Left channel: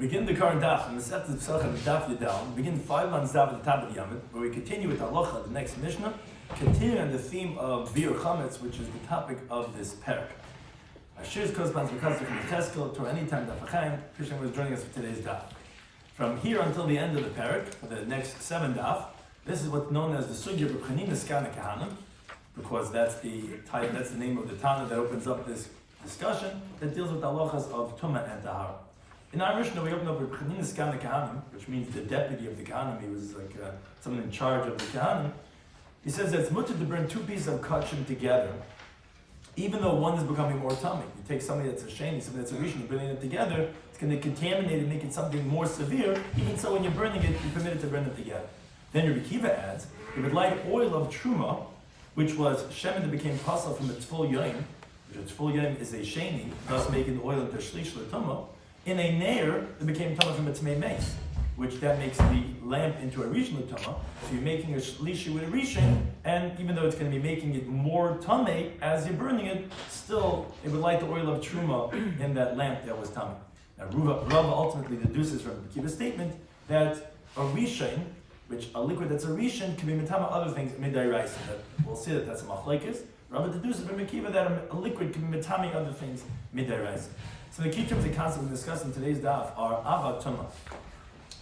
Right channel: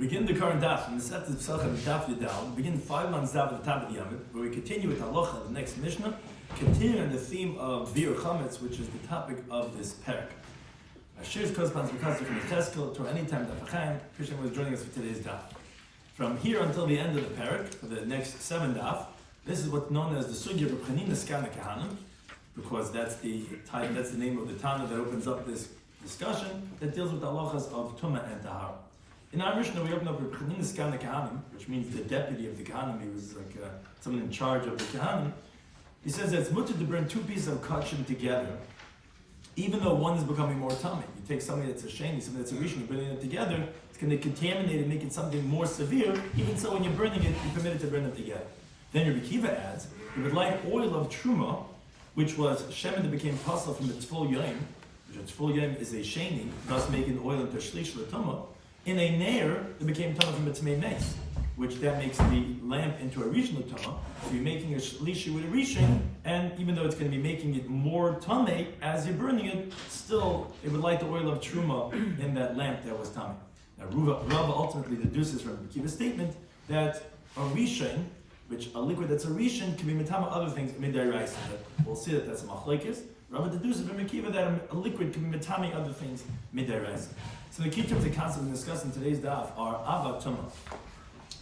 begin the current daf from the set of Pesachim Daf Yomi. We begin 5 months daf at the top of the Yomit, where we continue with halacha, the next mishnah, continuing on the theme of biur chametz, which is the topic of this parak. Our shiur corresponds because of the Teskel to any time Daf Pesachim. Krishna was joining us for today's daf. From here until the end of the parak, for the next 7 daf, this is what's known as the sugya of Chanina's Kana Kahanim, because that's the name of the Tana that opens up this discussion that deals with the halachas of Tumah and Tahara. In our Mishnah, we open up with Chanina's Kana Kahanim, which means the deputy of the Kahanim. He was like someone in charge of the Kahanim. He says that it's mutter to burn 2 pieces of kachim together, even though one is becoming more tummy. You take something that's a sheni, something that's a rishon, burning it together, it's going to contaminate and make it something more severe. Even so, when you're burning it, you're permitted to burn it together. Then Rabbi Kiva adds, you would light oil of truma, which was shemen that became pasal from its full yom, which its full yom is a sheni, thus making the oil into shlish l'tumah, in a neir that became tumah from its main mace, which that makes the lamp into a rishon l'tumah. So you're making a shlishi with a rishon, and even though it's going to be making it more tummy as you're burning it, still it would light the oil of truma in that lamp that was tummy. Now Rava ultimately deduces from the Kiva statement that a rishon, which a liquid that's a rishon, can be mitama other things midairaisa. That we'll see that that's a machlekes. Rava deduces from Kiva that a liquid can be mitami other things midairaisa. So the key terms and concepts we discuss in today's daf are ava tumah.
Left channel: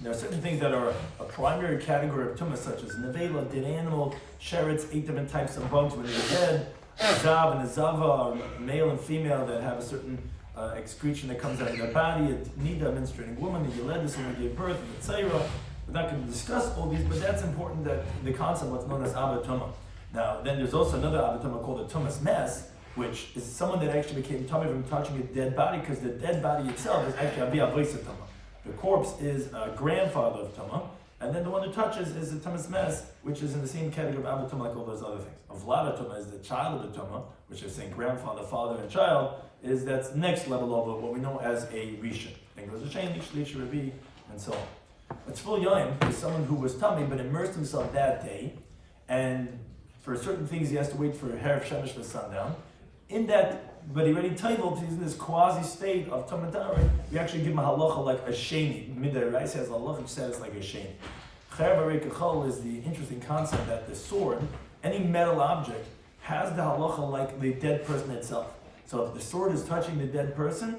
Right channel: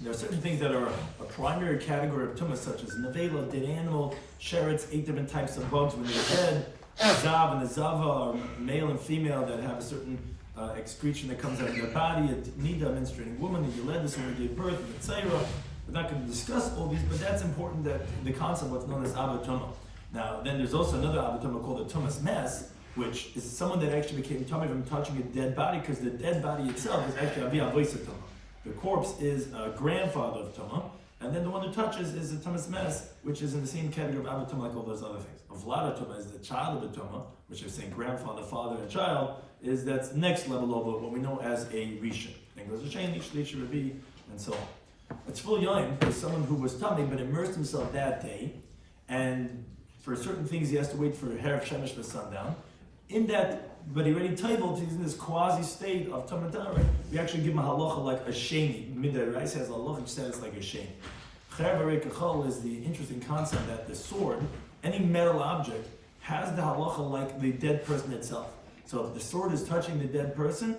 There are certain things that are a primary category of tumah, such as nevela, dead animal, sherets, 8 different types of bugs when they're dead, a zav and a zava, male and female that have a certain excretion that comes out of their body, a nida, a menstruating woman, a yeledus, when they gave birth, and a tzayra. We're not going to discuss all these, but that's important, that the concept, what's known as ava tumah. Now, then there's also another ava tumah called a tumas mess, which is someone that actually became tummy from touching a dead body, because the dead body itself is actually avi avoisa tumah. The corpse is a grandfather of tumah, and then the one who touches is the tumas mess, which is in the same category of ava tumah like all those other things. A vlada tumah is the child of the tumah, which is saying grandfather, father, and child, is that's next level over what we know as a rishon. Then goes a sheni, shlish, revi, and so on. A tzvul yom is someone who was tummy but immersed himself that day, and for certain things he has to wait for Erev Shemesh to sundown. In that, but he already titled, he's in this quasi state of tamatara, we actually give him a halacha like a sheni. Midday Rice has a halacha status like a sheni. Cher barei kachol is the interesting concept that the sword, any metal object, has the halacha like the dead person itself. So if the sword is touching the dead person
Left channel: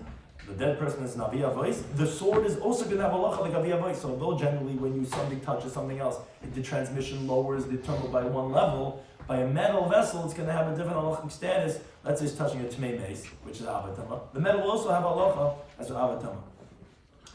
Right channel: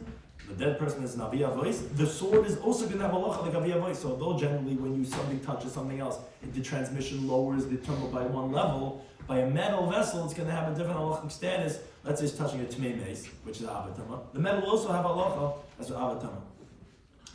is an avi avois, the sword is also going to have halacha like avi avois. So although generally when something touches something else, the transmission lowers the tumah by one level, by a metal vessel, it's going to have a different halachic status. Let's say it's touching a tmei mace, which is avatama. The metal will also have halacha as an avatama.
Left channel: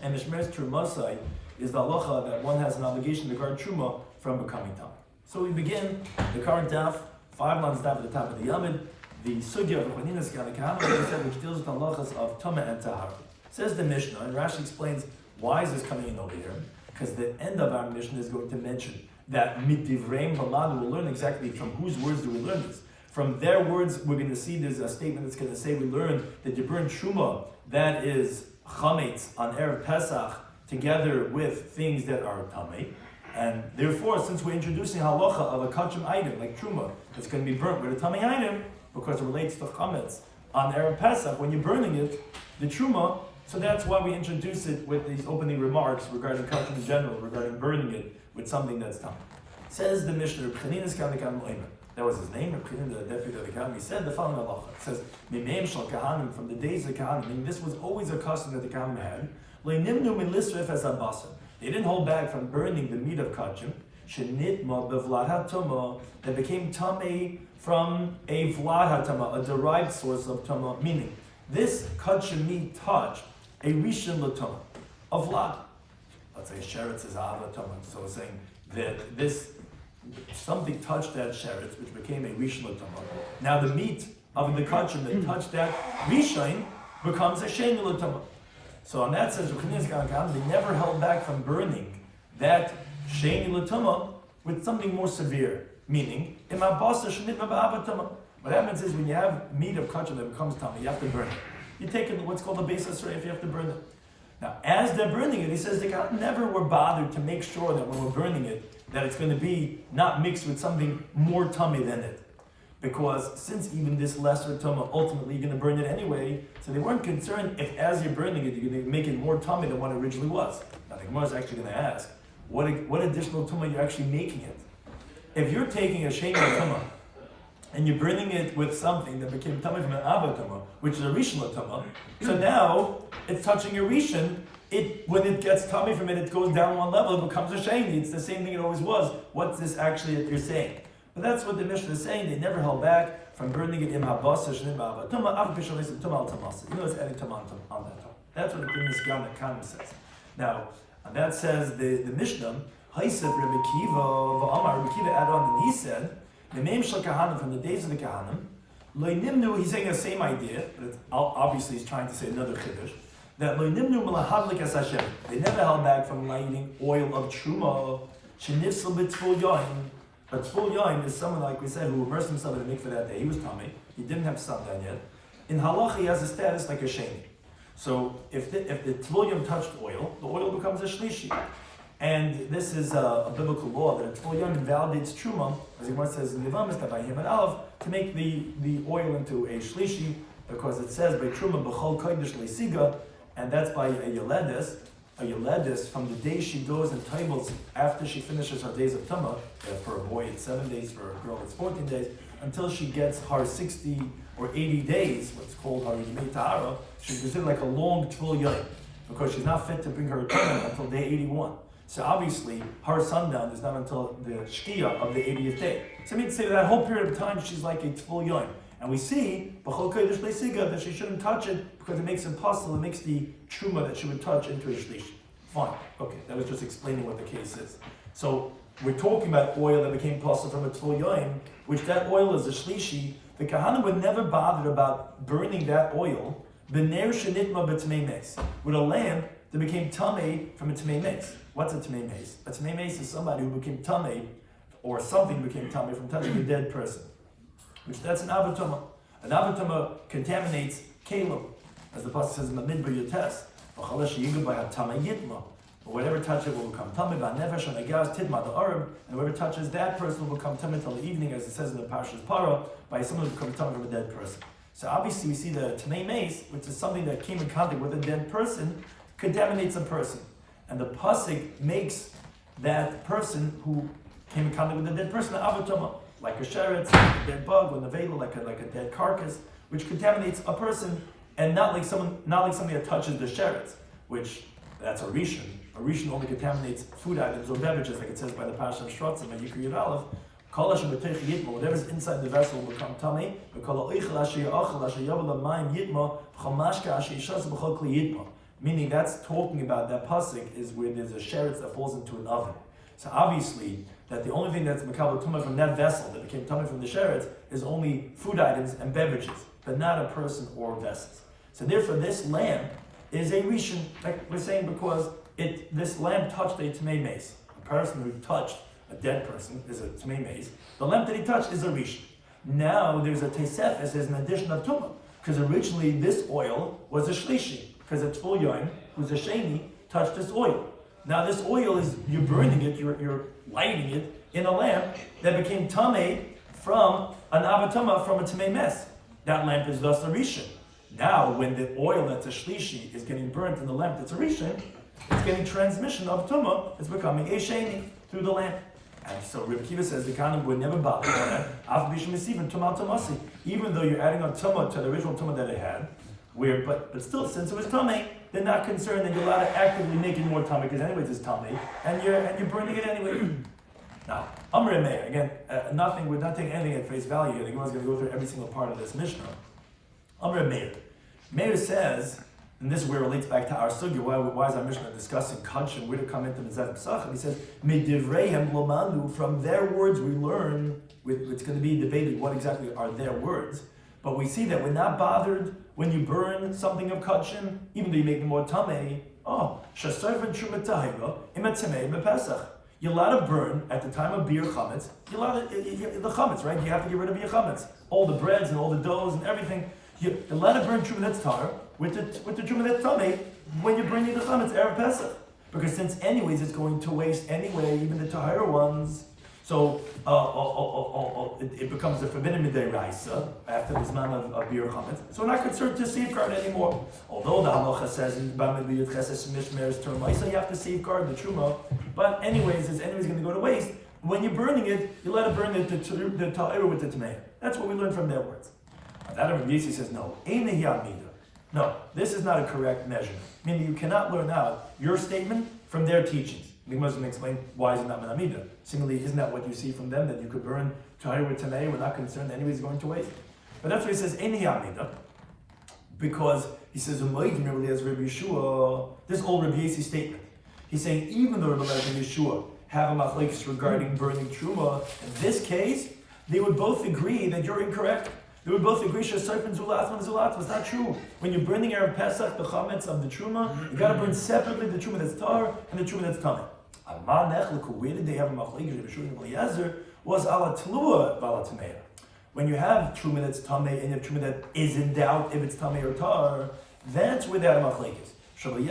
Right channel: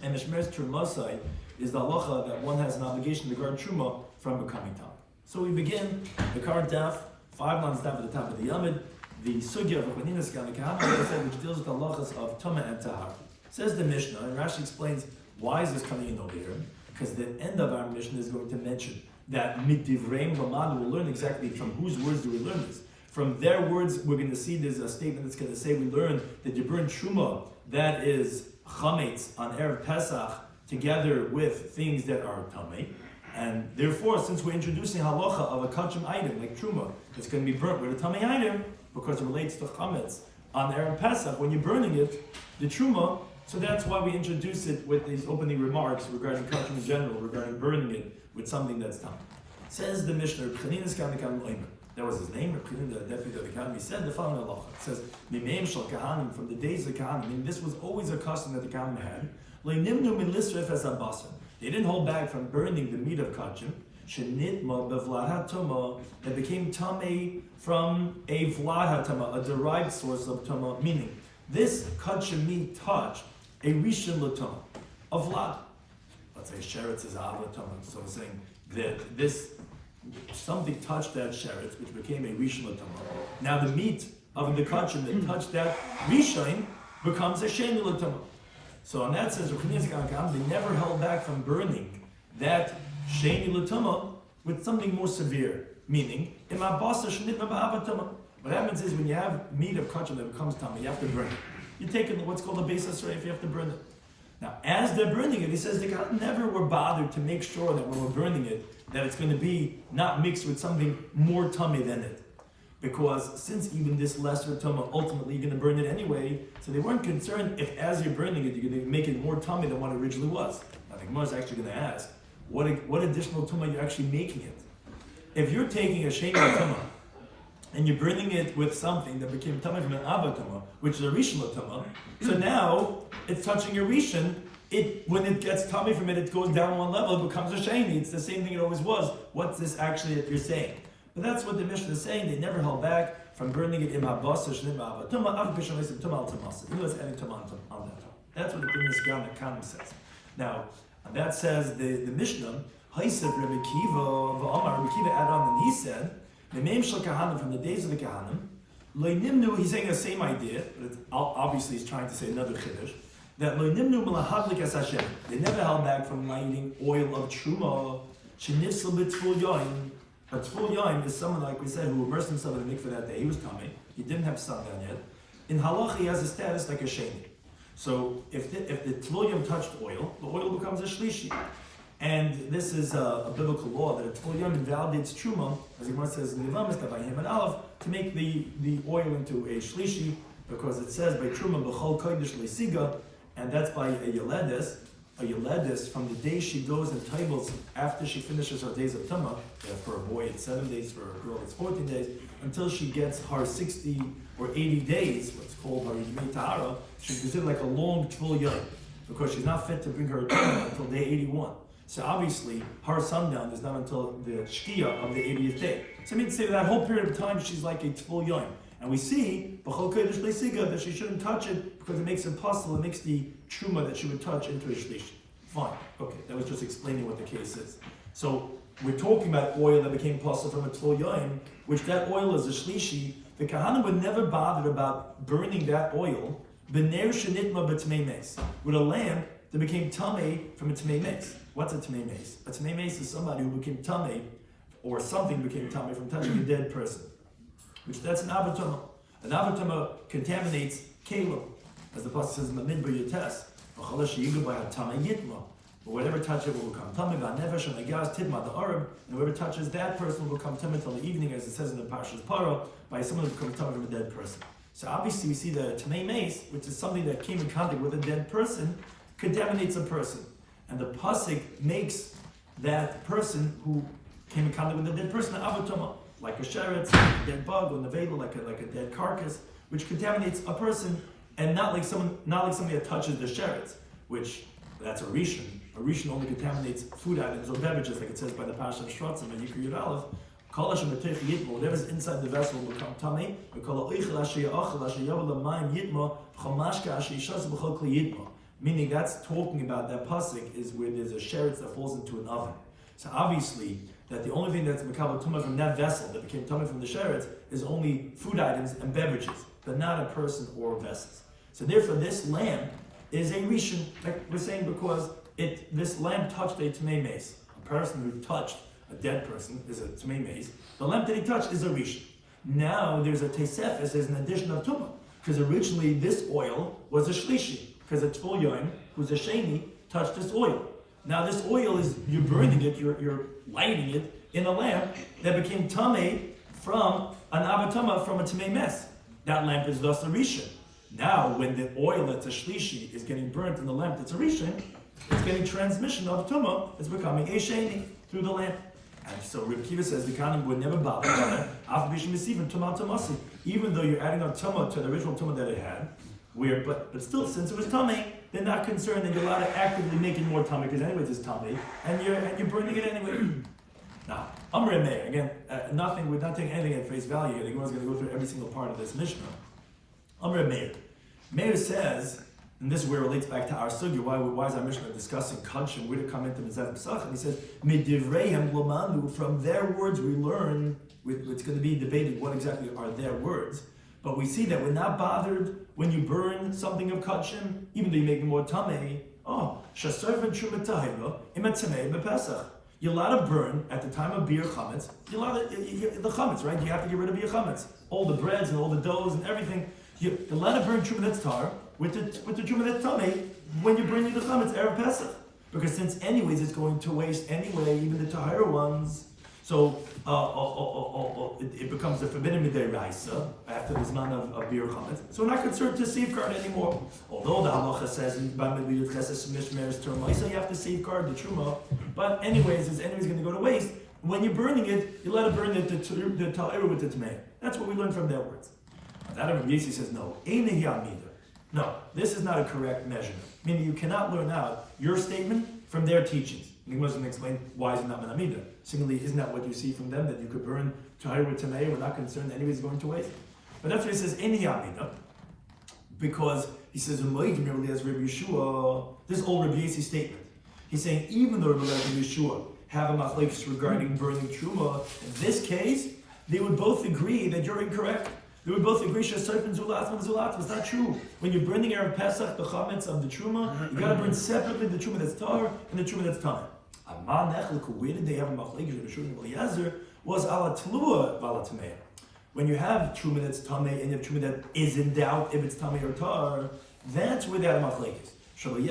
And the shmeres trumosai is the halacha that one has an obligation to guard truma from becoming tam. So we begin the current daf, 5 months daf at the top of the Yomid, the sugya of Chanina's Kana Kahanim, like I said, which deals with the halachas of tumah and tahara. Says the Mishnah, and Rashi explains why is this coming in over here, because the end of our Mishnah is going to mention that mitdivreim b'man, we'll learn exactly from whose words do we learn this. From their words, we're going to see there's a statement that's going to say we learn that you burn truma, that is chametz, on Erev Pesach, together with things that are tamei. And therefore, since we're introducing halacha of a kachim item, like truma, that's going to be burnt with a tamei item, because it relates to chametz, on Erev Pesach, when you're burning it, the truma, so that's why we introduce it with these opening remarks regarding kachim in general, regarding burning it with something that's tamei. Says the Mishnah, Chanina's Kana Kahanim, that was his name, the deputy of the Kahanim. He said the following halacha. It says, Mimeim shel Kahanim, from the days of Kahanim, meaning this was always a custom that the Kahanim had. Le'nimnu min lisref as abasim. They didn't hold back from burning the meat of kachim. Shenitma bevlad hatuma, that became tamei from a vlad hatama, a derived source of tama. Meaning, this kachim meat touched a rishon l'tama, a vlad. Let's say sheretz is ava tama. So we're saying that this. Something touched that sheretz, which became a rishon l'tama. Now the meat of the kachim that touched that rishon becomes a sheni l'tama. So on that sense, they never held back from burning that sheni l'tama with something more severe. Meaning, what happens is when you have meat of kachim that becomes tama, you have to burn it. You take what's called a beis hasrei, you have to burn it. Now, as they're burning it, he says they never were bothered to make sure that when we're burning it, that it's going to be not mixed with something more tummy than it. because since even this lesser tumah, ultimately you're going to burn it anyway, so they weren't concerned if as you're burning it, you're going to make it more tummy than what it originally was. Now the Gemara is actually going to ask, what additional tumah you're actually making it? If you're taking a sheni tumah, and you're burning it with something that became tummy from an abba tumah, which is a rishon tumah, so now it's touching your rishon. When it gets tummy from it, it goes down one level, it becomes a sheni. It's the same thing it always was. What's this actually that you're saying? But that's what the Mishnah is saying. They never held back from burning it in habasa shnim abba tumah av b'shalei tumah al tamasa. You know, it's adding tumah on that. That's what the Primus Gam says. Now, and that says the Mishnah. Haisef Rabbi Kiva v'Amar Rabbi Kiva added on, and he said, the name shel kahanim from the days of the kahanim. Lo nimnu. He's saying the same idea, but obviously he's trying to say another chiddush. That lo nimnu melahadlik as Hashem. They never held back from lighting oil of truma. Shenifsel b'tzvul yoin. But tzvul yoin is someone, like we said, who immersed himself in the mikveh that day. He was tummy. He didn't have sundown yet. In halacha, he has a status like a sheni. So if the tzvul yoin touched oil, the oil becomes a shlishi. And this is a biblical law that a tzvul yoin invalidates truma, as the Gemara says in Yevamos that by him and Aleph, to make the oil into a shlishi, because it says by truma b'chol kodesh leisiga, and that's by a yeledes. A yeledes, from the day she goes and tables after she finishes her days of tumah. For a boy it's 7 days, for a girl it's 14 days, until she gets her 60 or 80 days, what's called her yimei tahara. She's considered like a long tzvul yoin, because she's not fit to bring her tumah until day 81. So obviously, her sundown is not until the shkia of the 80th day. So I mean to say that whole period of time, she's like a tzvul yoin. And we see, b'chol kodesh leisiga, that she shouldn't touch it, because it makes it possible, it makes the truma that she would touch into a shlish. Fine. Okay, that was just explaining what the case is. So, we're talking about oil that became possible from a tzvul yoin, which that oil is a shlishi. The kahanim were never bothered about burning that oil, b'ner shenitma b'tmei meis, with a lamp that became tamei from a tmei meis. What's a tmei meis? A tmei meis is somebody who became tamei, or something became tamei from touching a dead person. Which that's an avatuma. An avatuma contaminates kalim, as the pasuk says in the midbar yotes. But whatever touches it will become tamei. V'anefesh and agaz tidma the arab, and whoever touches that person will become tamei until the evening, as it says in the Parshas Para, by someone who becomes tamei from a dead person. So obviously we see the tmei meis, which is something that came in contact with a dead person, contaminates a person, and the pasuk makes that person who came in contact with a dead person an avatuma. Like a sheretz, like a dead bug, or nevela, like a dead carcass, which contaminates a person, and not like somebody that touches the sheretz, which that's a rishon. A rishon only contaminates food items or beverages, like it says by the Pesachim Schwartzberg and Yikri Yud Aleph. Kol hashem b'teich yitma, whatever's inside the vessel will become tamei. Meaning that's talking about that pasuk is where there's a sheretz that falls into an oven. So obviously, that the only thing that's makabel tumah from that vessel that became tumah from the sheretz is only food items and beverages, but not a person or vessels. So therefore, this lamp is a rishon, like we're saying, because this lamp touched a tmei meis. A person who touched a dead person is a tmei meis. The lamp that he touched is a rishon. Now there's a teisefes, there's an addition of tumah, because originally this oil was a shlishi, because a tzvul yoin, who's a sheni, touched this oil. Now this oil is, you're burning it, you're lighting it in a lamp that became tamei from an avatama from a tamei mess. That lamp is thus a rishon. Now when the oil that's a shlishi is getting burnt in the lamp that's a rishon, it's getting transmission of tumah, it's becoming a sheni through the lamp. And so Rabbi Kiva says the kahanim would never bother even though you're adding a tumah to the original tumah that it had, but still, since it was tamei, they're not concerned that you're allowed to actively make it more tamei, because anyways it's tamei, and you're burning it anyway. Now, Amr Meir, again, we're not taking anything at face value here. The Gemara is going to go through every single part of this Mishnah. Amr Meir. Meir says, and this is where it relates back to our sugya, why is our Mishnah discussing Kadshim, where to come into Mizat Pesachim? He says, Medivreihem Lamandu, from their words we learn, it's going to be debated what exactly are their words. But we see that we're not bothered when you burn something of Kadshim, even though you make it more tamei. You're allowed to burn at the time of beer chametz. You're allowed to, the chametz, right? You have to get rid of your chametz. All the breads and all the doughs and everything. You're allowed to burn truma that's tar with the truma that's tamei when you're bringing the chametz erev Pesach. Because since anyways it's going to waste anyway, even the tahara ones. So it becomes a forbidden midiraisa after the zman of bir chametz. So we're not concerned to safeguard anymore. Although the halacha says in b'midiyut cheses mishmeres terma, so you have to safeguard the truma. But anyways, it's anyways going to go to waste. When you're burning it, you let it burn it the ta'ira with the tmeir. That's what we learn from their words. That Rabbi Yossi says no. No, this is not a correct measurement. Meaning you cannot learn out your statement from their teachings. We must explain why is it not menamida. Similarly, isn't that what you see from them, that you could burn tahir with tanei, we're not concerned anyways going to waste? But that's why he says any amida, because he says as Rabbi Yeshua, this old Rabbi Yossi statement. He's saying even though Rabbi Yeshua have a machlekes regarding burning truma, in this case, they would both agree that you're incorrect. They would both agree shesarpin zulat. It's not true. When you're burning Erev Pesach, the chametz of the truma, you got to burn separately the truma that's tar and the truma that's tamei. Where did they have a machlekes? Was ala tlua vala tameya. When you have truma that's tamei and you have truma that is in doubt if it's tamei or tar, that's where they have a machlekes. In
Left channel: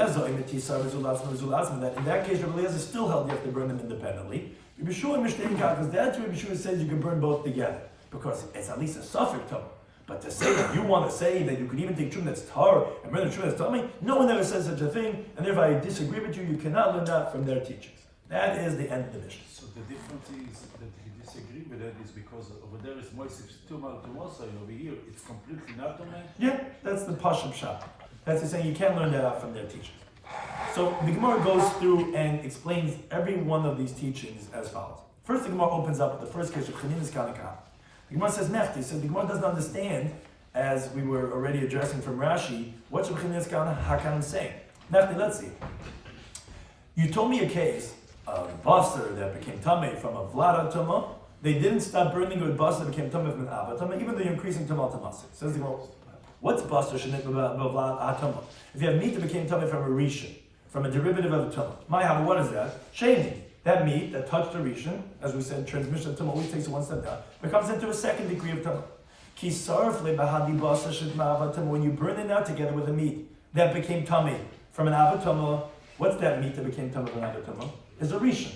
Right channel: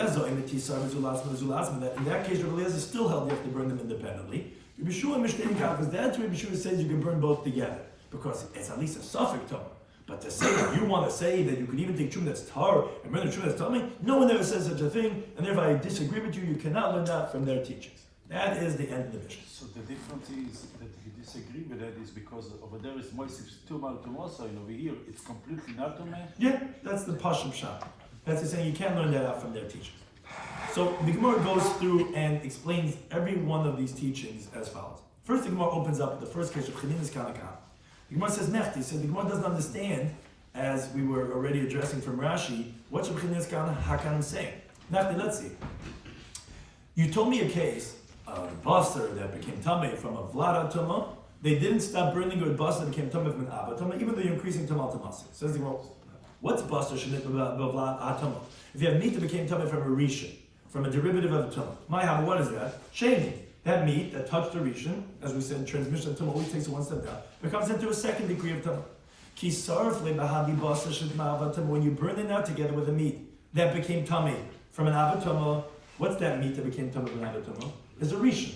that case, Rabbi Eliezer still held you have to burn them independently. Because that's where Rabbi Yeshua says you can burn both together. Because it's at least a suffix tumah. But to say that you want to say that you could even take truma that's tar and burn the truma that's tamei, no one ever says such a thing, and therefore I disagree with you. You cannot learn that from their teachings. That is the end of the Mishnah. So the difference is that you disagree with that is because over there is moisture tumah so over here it's completely not tumah. Yeah, that's the pashut shot. That's the saying you can't learn that out from their teachings. So the Gemara goes through and explains every one of these teachings as follows. First, the Gemara opens up with the first case of Chanina's Kanakah. The Gemara says Nechti, so the Gemara doesn't understand, as we were already addressing from Rashi, what's Chanina's Kanakah saying. Nechti, let's see. You told me a case of basar that became tamei from a vlada tama. They didn't stop burning it with basar that became tamei from an abba tama, even though you're increasing tamal tamasik. Says the Gemara, what's basar shenit vlad atama? If you have meat that became tamei from a rishon, from a derivative of the tama, my haba, what is that? Sheni. That meat that touched the rishon, as we said, transmission of tama always takes it one step down, becomes into a second degree of tama. Ki sarf lebahadi basar shenit tama. When you burn it out together with the meat that became tamei from an abba tama, what's that meat that became tamei from an abba tama? Is a rishon,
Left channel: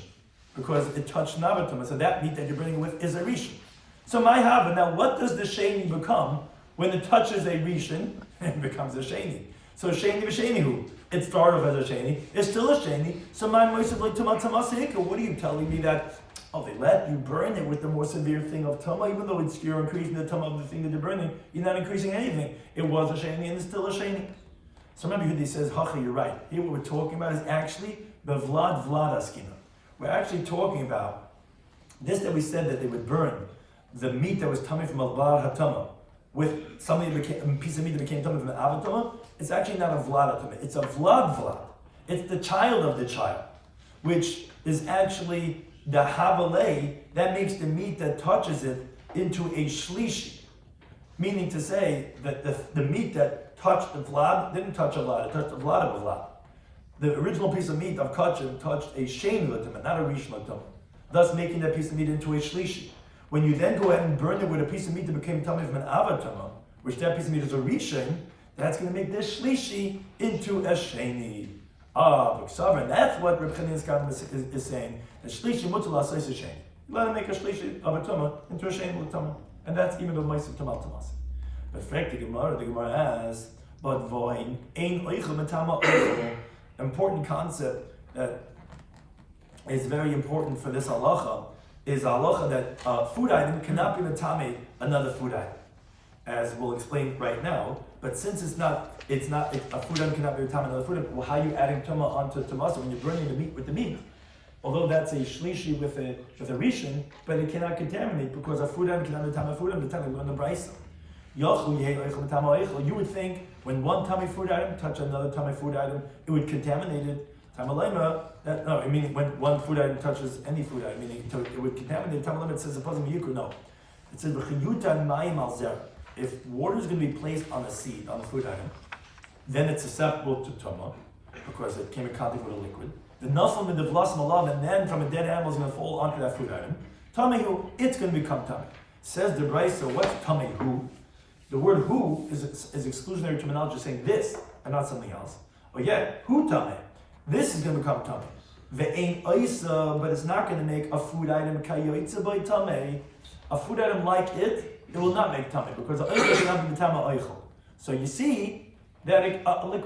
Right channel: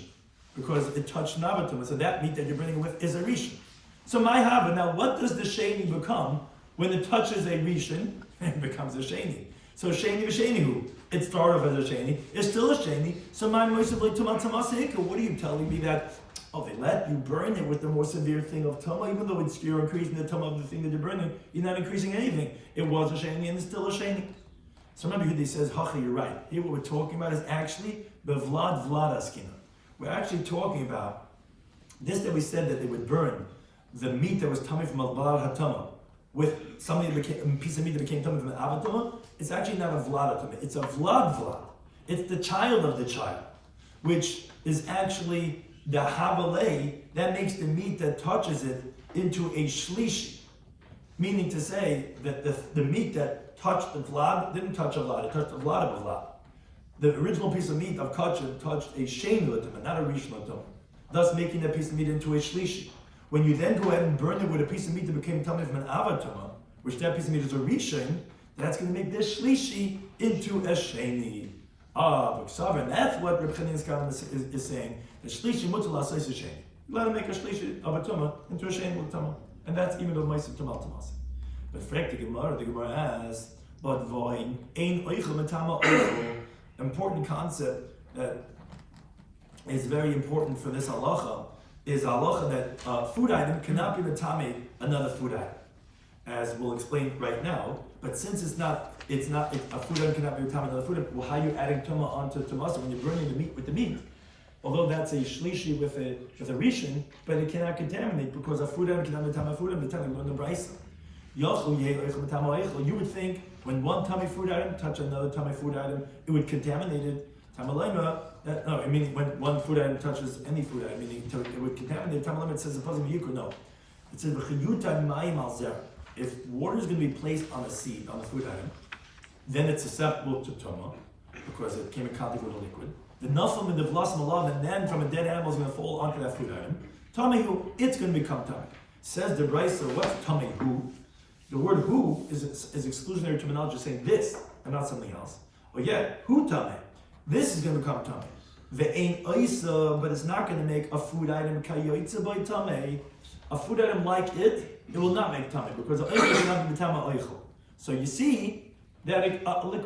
because it touched nabatuma. So that meat that you're burning it with is a rishon. So my hava. Now, what does the sheni become when it touches a rishon and it becomes a sheni? So sheni v'shenihu. It started off as a sheni. It's still a sheni. So my moisav like tamat tamasik. What are you telling me that? Oh, they let you burn it with the more severe thing of tama, even though you're increasing the tama of the thing that you're burning. You're not increasing anything. It was a sheni and it's still a sheni. So remember, he says, "Hacha, you're right." Here, what we're talking about is actually the vlad askina. We're actually talking about this that we said that they would burn the meat that was tummy from a vlad hatama with something that became, a piece of meat that became tummy from an avatama. It's actually not a vlad hatama. It's a vlad. It's the child of the child, which is actually the havalei that makes the meat that touches it into a shlishi. Meaning to say that the meat that touched the vlad didn't touch a vlad, it touched the vlad of a vlad. The original piece of meat of kachin touched a sheni l'tumah, not a rish l'tumah, thus making that piece of meat into a shlishi. When you then go ahead and burn it with a piece of meat that became tumah from an avatama, which that piece of meat is a rishon, that's going to make this shlishi into a sheni. And that's what Reb Chanina is saying. A shlishi mutal asayis a sheni. You let him make a shlishi of a tumah into a sheni l'tumah, and that's even though ma'aser tamal tamas. But frankly, the Gemara asks, but voin ein oichel matama oichel. Important concept that is very important for this halacha is halacha that a food item cannot be matame another food item, as we'll explain right now. But since a food item cannot be matame another food item, well, how are you adding tuma onto tamasa when you're burning the meat with the meat? Although that's a shlishi with a rishon, but it cannot contaminate because a food item cannot be matame a food item. The time on the brisa. You would think when one tummy food item touched another tummy food item, it would contaminate it. When one food item touches any food item, it would contaminate it. It says no. It says if water is going to be placed on a seed, on a food item, then it's susceptible to tuma because it came in contact with a liquid. The naflam and the blossom alav, and then from a dead animal is going to fall onto that food item. Tamihu, it's going to become tummy. Says the brisa, what's tamihu? The word who is exclusionary terminology saying this and not something else. But yet, who tameh? This is going to become tameh. ve'ein oisa, but it's not going to make a food item kayoitza by tamei. A food item like it will not make tamei because the oisa cannot be tama oichel. So you see that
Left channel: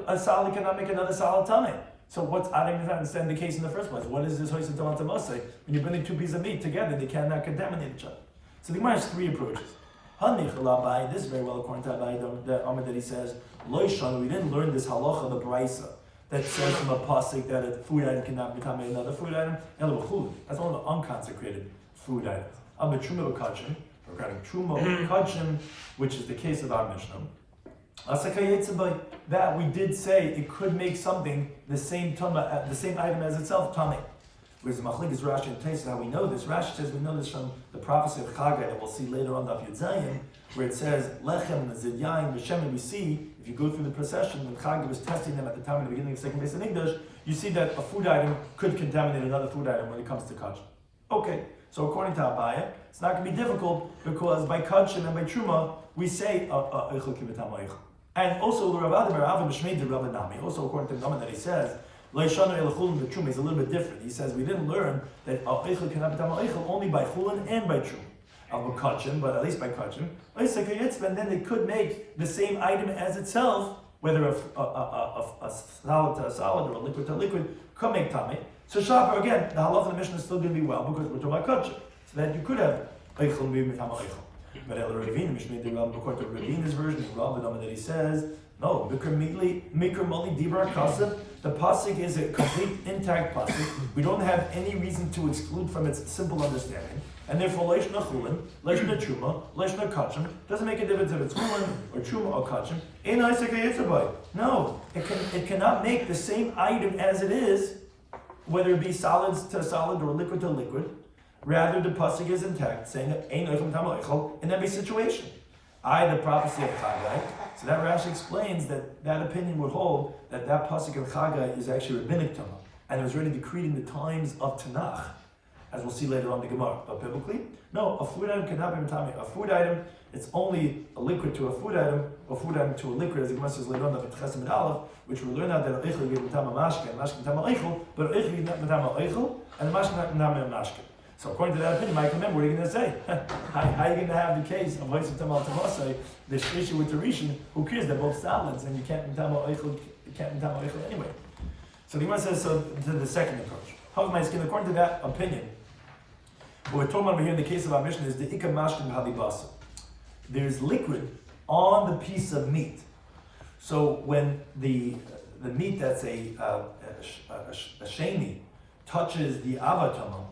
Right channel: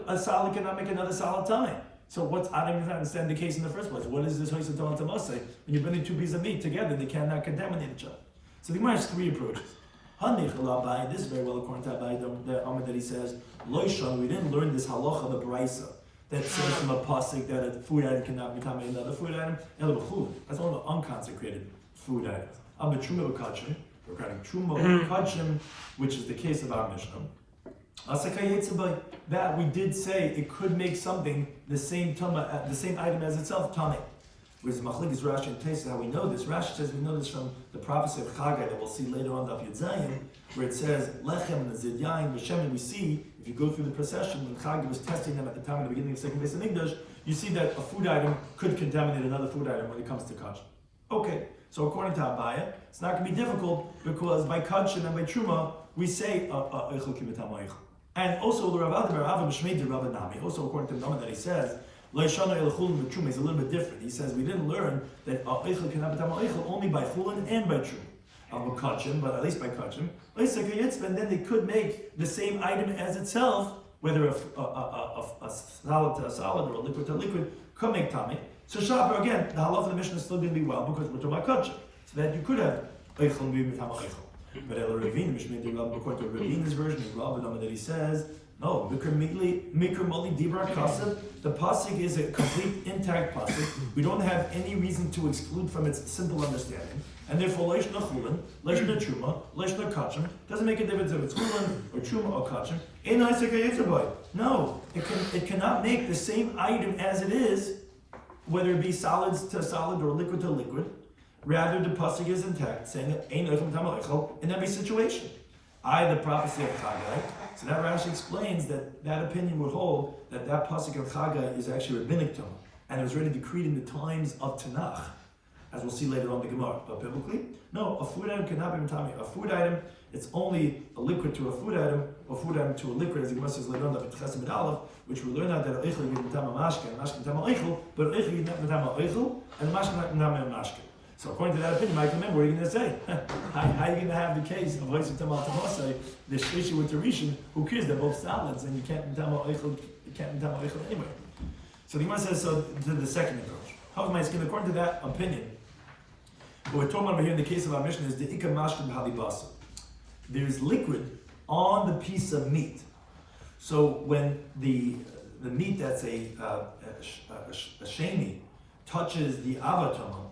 a salad cannot make another salad tamei. So I don't understand the case in the first place. What is this oisa tamei tamasei? When you're putting two pieces of meat together, they cannot contaminate each other. So the Gemara has three approaches. This is very well according to Abai, the Amid that he says, Loishan, we didn't learn this halacha, the brisa, that says from a pasuk that a food item cannot become another food item. That's one of the unconsecrated food items. Truma kachim, regarding truma kachim, which is the case of our Mishnah. That we did say it could make something the same tuma, the same item as itself, tamei. Whereas Machlekes Rashi and Taisus, how we know this? Rashi says we know this from the prophecy of Chagai that we'll see later on Daf Yomi, where it says Lechem, Nazid Yain, V'Shem. We see if you go through the procession when Chagai was testing them at the time of the beginning of the second base of English, you see that a food item could contaminate another food item when it comes to kachim. Okay, so according to Abaya, it's not going to be difficult because by kachim and by truma we say eichel kibetam eichel. And also the Rav Adam B'Shmei the Rabbi Nami. Also according to the Nami that he says. Leishana elchulin the truma is a little bit different. He says we didn't learn that eichel cannot become eichel only by chulin and by truma. Kachim, but at least by kachim. And then they could make the same item as itself, whether a solid to a solid or a liquid to a liquid, could make tamei. So Shabbos again, the halacha of the Mishnah is still going to be well because we're talking about kachim, so that you could have eichel maybe become eichel. But El Ravine, Mishnah the Rav, according to Ravine's version, Rav that he says. No, Mikra Moli Dibra Kasav. The pasuk is a complete intact pasuk. We don't have any reason to exclude from its simple understanding, and therefore Leishna Chulin, Leishna Truma, Leishna Kachim doesn't make a difference if it's Chulin or Truma or Kachim. No, it cannot make the same item as it is, whether it be solids to solid or liquid to liquid. Rather, the pasuk is intact, saying Ein Oichem Tamal in every situation. The prophecy of Chagai. So that Rashi explains that opinion would hold that pasuk of Chagai is actually rabbinic Torah, and it was already decreed in the times of Tanakh, as we'll see later on in the Gemara. But biblically, no, a food item cannot be tamei. A food item, it's only a liquid to a food item, or food item to a liquid, as the Gemara says later on, Pesachim Daf, which we learn out that eichel is mitama mashke, and mashke mitama eichel, but eichel is not mitama eichel, and the mashke not mitama mashke. So according to that opinion, Michael, remember, what are you going to say? How are you going to have the case of Hoysim Tamal Tamasai, this issue with the Rishon? Who cares? They're both salads, and you can't Tamal Eichel anyway. So the Gemara says to the second approach. However, according to that opinion, what we're talking about here in the case of our mission is the Ikam Mashkim Habibasa. There's liquid on the piece of meat. So when the meat that's a sheni touches the avatama,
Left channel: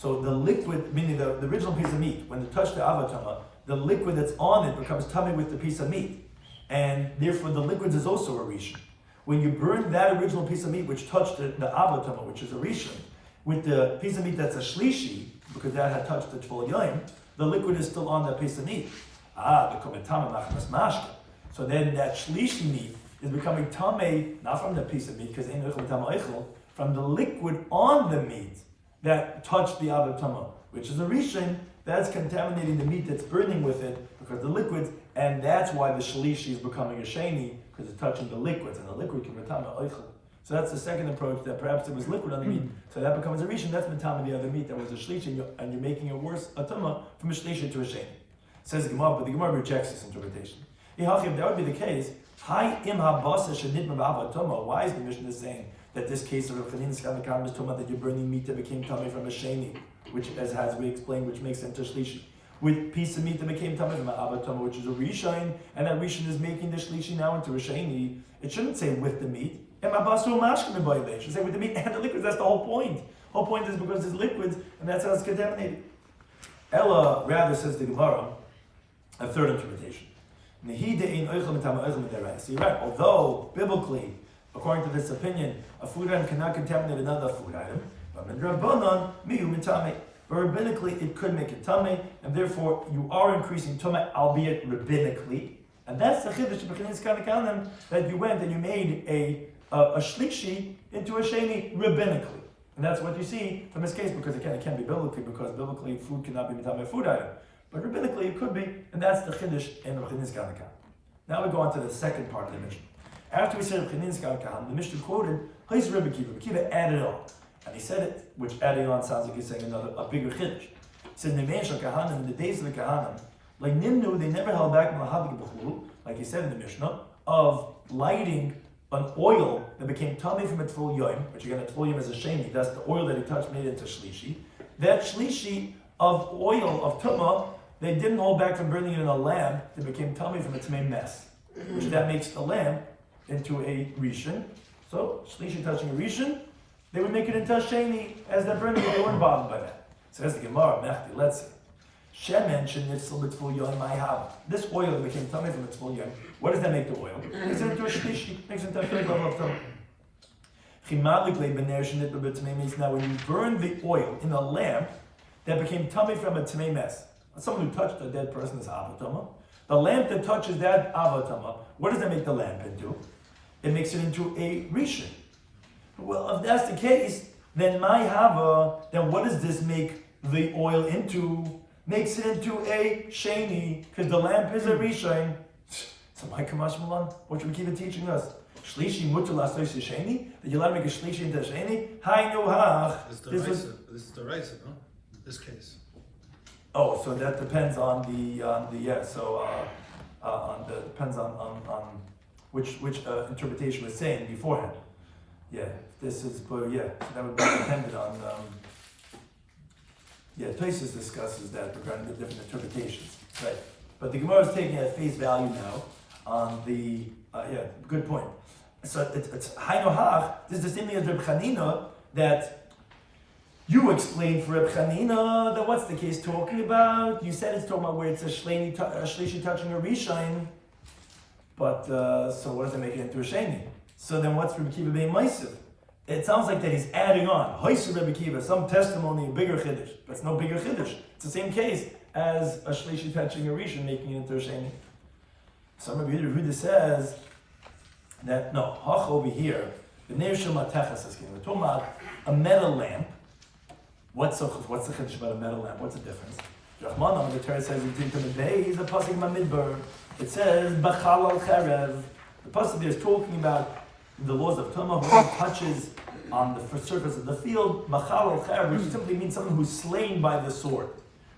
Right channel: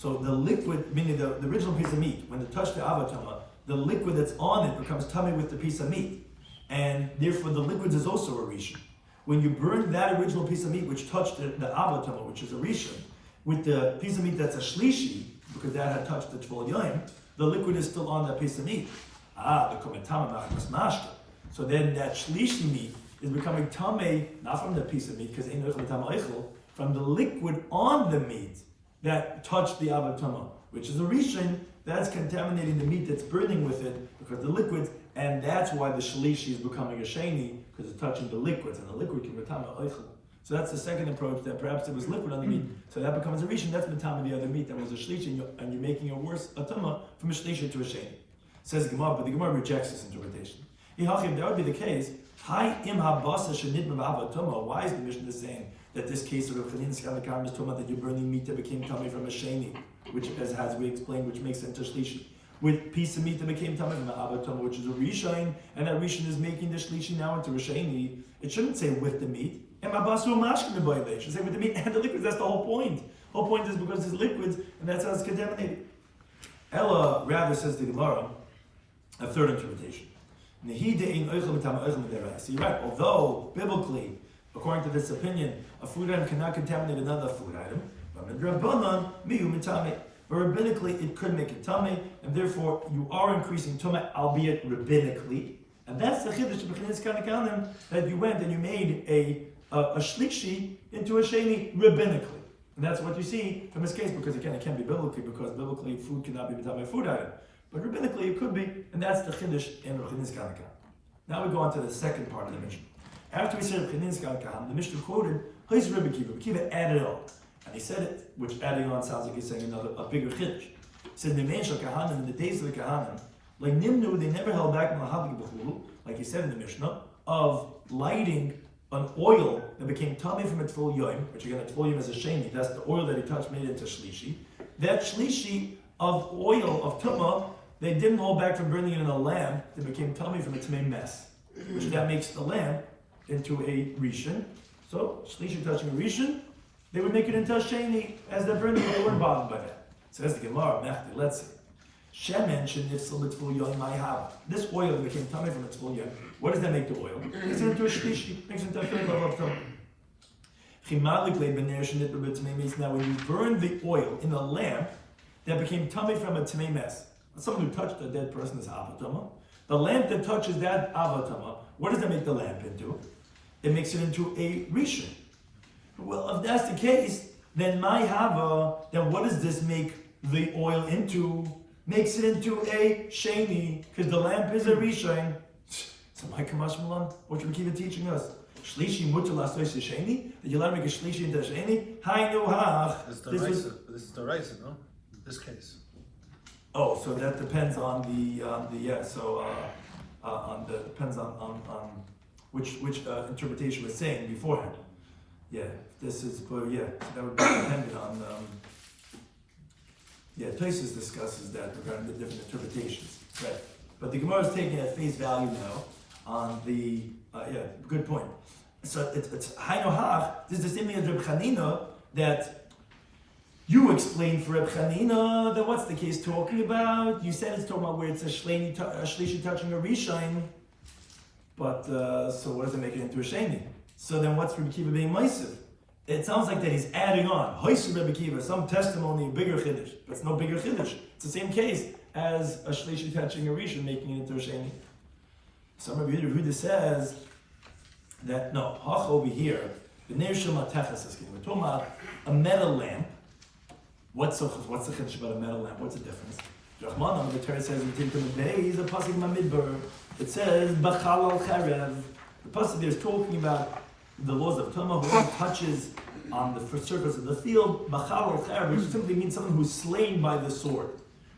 so the liquid, meaning the original piece of meat, when it touched the avatama, the liquid that's on it becomes tummy with the piece of meat. And therefore the liquid is also a rishon. When you burn that original piece of meat which touched the avatama, which is a rishon, with the piece of meat that's a shlishi, because that had touched the tvol yoim, the liquid is still on that piece of meat. The kometama machmas mashke. So then that shlishi meat is becoming tamei, not from the piece of meat, because from the liquid on the meat that touched the avatama, which is a rishon, that's contaminating the meat that's burning with it because the liquids, and that's why the shlishi is becoming a sheni, because it's touching the liquids, and the liquid can become oichel. So that's the second approach, that perhaps it was liquid on the meat, so that becomes a rishon, that's matama the other meat that was a shlishi, and you're making a worse atama from a shlishi to a sheni. Says the Gemara, but the Gemara rejects this interpretation. If that would be the case, why is the Mishnah saying that this case of Chanin Skadakam is talking about that you're burning meat that became tummy from a sheni, which, as we explained, which makes sense to shlishi, with piece of meat that became tummy from an avatama, which is a rishon, and that rishon is making the shlishi now into a sheni. It shouldn't say with the meat. It should say with the meat and the liquids. That's the whole point. The whole point is because there's liquids, and that's how it's contaminated. Ella rather says the Gemara, a third interpretation. So you're right. Although biblically, according to this opinion, a food item cannot contaminate another food item, but rabbinically it could make it tummy, and therefore you are increasing tummy, albeit rabbinically. And that's the chiddush of Chanin Skadakam, that you went and you made a shlishi into a sheni rabbinically. And that's what you see from this case, because again, it can't be biblically, because biblically food cannot be a food item. But rabbinically it could be, and that's the chiddush in Chanin Skadakam. Now we go on to the second part of the Mishnah. After we said Chanin Skadakam, the Mishnah quoted, Rabbi Kiva added on. And he said it, which adding on sounds like he's saying a bigger chiddush. It says, in the days of the Kahanim, like Nimnu, they never held back like he said in the Mishnah, of lighting an oil that became tummy from a tful yoim, which again, a tful yoim is a sheni, that's the oil that he touched made into shlishi. That shlishi of oil, of tumah, they didn't hold back from burning it in a lamp that became tummy from a tmei mess, which that makes the lamp into a rishon. So, shlishi touching a rishon, they would make it into a sheni, as they're burning it, they weren't bothered by that. Says the Gemara, Mechti, let's see. Shemen shenitzal b'tzvul yoim ma'ihab. This oil that became tummy from a tzvul yoim, what does that make the oil? Makes it into a shlishi, makes it into a third level of tumah. Now when you burn the oil in a lamp that became tummy from a tmei mess, someone who touched a dead person is avatama. The lamp that touches that avatama, what does that make the lamp into? It makes it into a rishon. Well, if that's the case, then my hava, then what does this make the oil into? Makes it into a sheni, because the lamp is a rishon. So my kamash malan, what should we keep teaching us? Shlishi mutal asois sheni? Did you let me make a shlishi into a sheni? Hi no hach. This is the raisa, no? This case. Oh, so that depends on the depends on which interpretation we're saying beforehand. Yeah, this is that would be dependent on Tosfos discusses that regarding the different interpretations, right? But the Gemara is taking it at face value now on the good point. So it's Hainu Hach. This is the same thing as Reb Chanina that you explained for Reb Chanina. That what's the case talking about? You said it's talking about where it's a shlishi touching a rishon. But so what does it make it into a sheni? So then what's Rebbe Kiva being ma'isiv? It sounds like that he's adding on Hoyser Rebbe Kiva, some testimony, a bigger chiddush, but it's no bigger chiddush. It's the same case as a shlishi touching a rishon, making it into a sheni. Some Rebbe Yehuda says that no, hach over here, the Neir Shel Matechas is we're talking about a metal lamp. What's the chiddush about a metal lamp? What's the difference? Rahman, the Torah says in Tinkum Day, he's a pasuk Mamidbar. It says Bachal al Cherev. The pasuk there is talking about the laws of Tumah, who touches on the surface of the field, Bachal al Cherev, which simply means someone who's slain by the sword.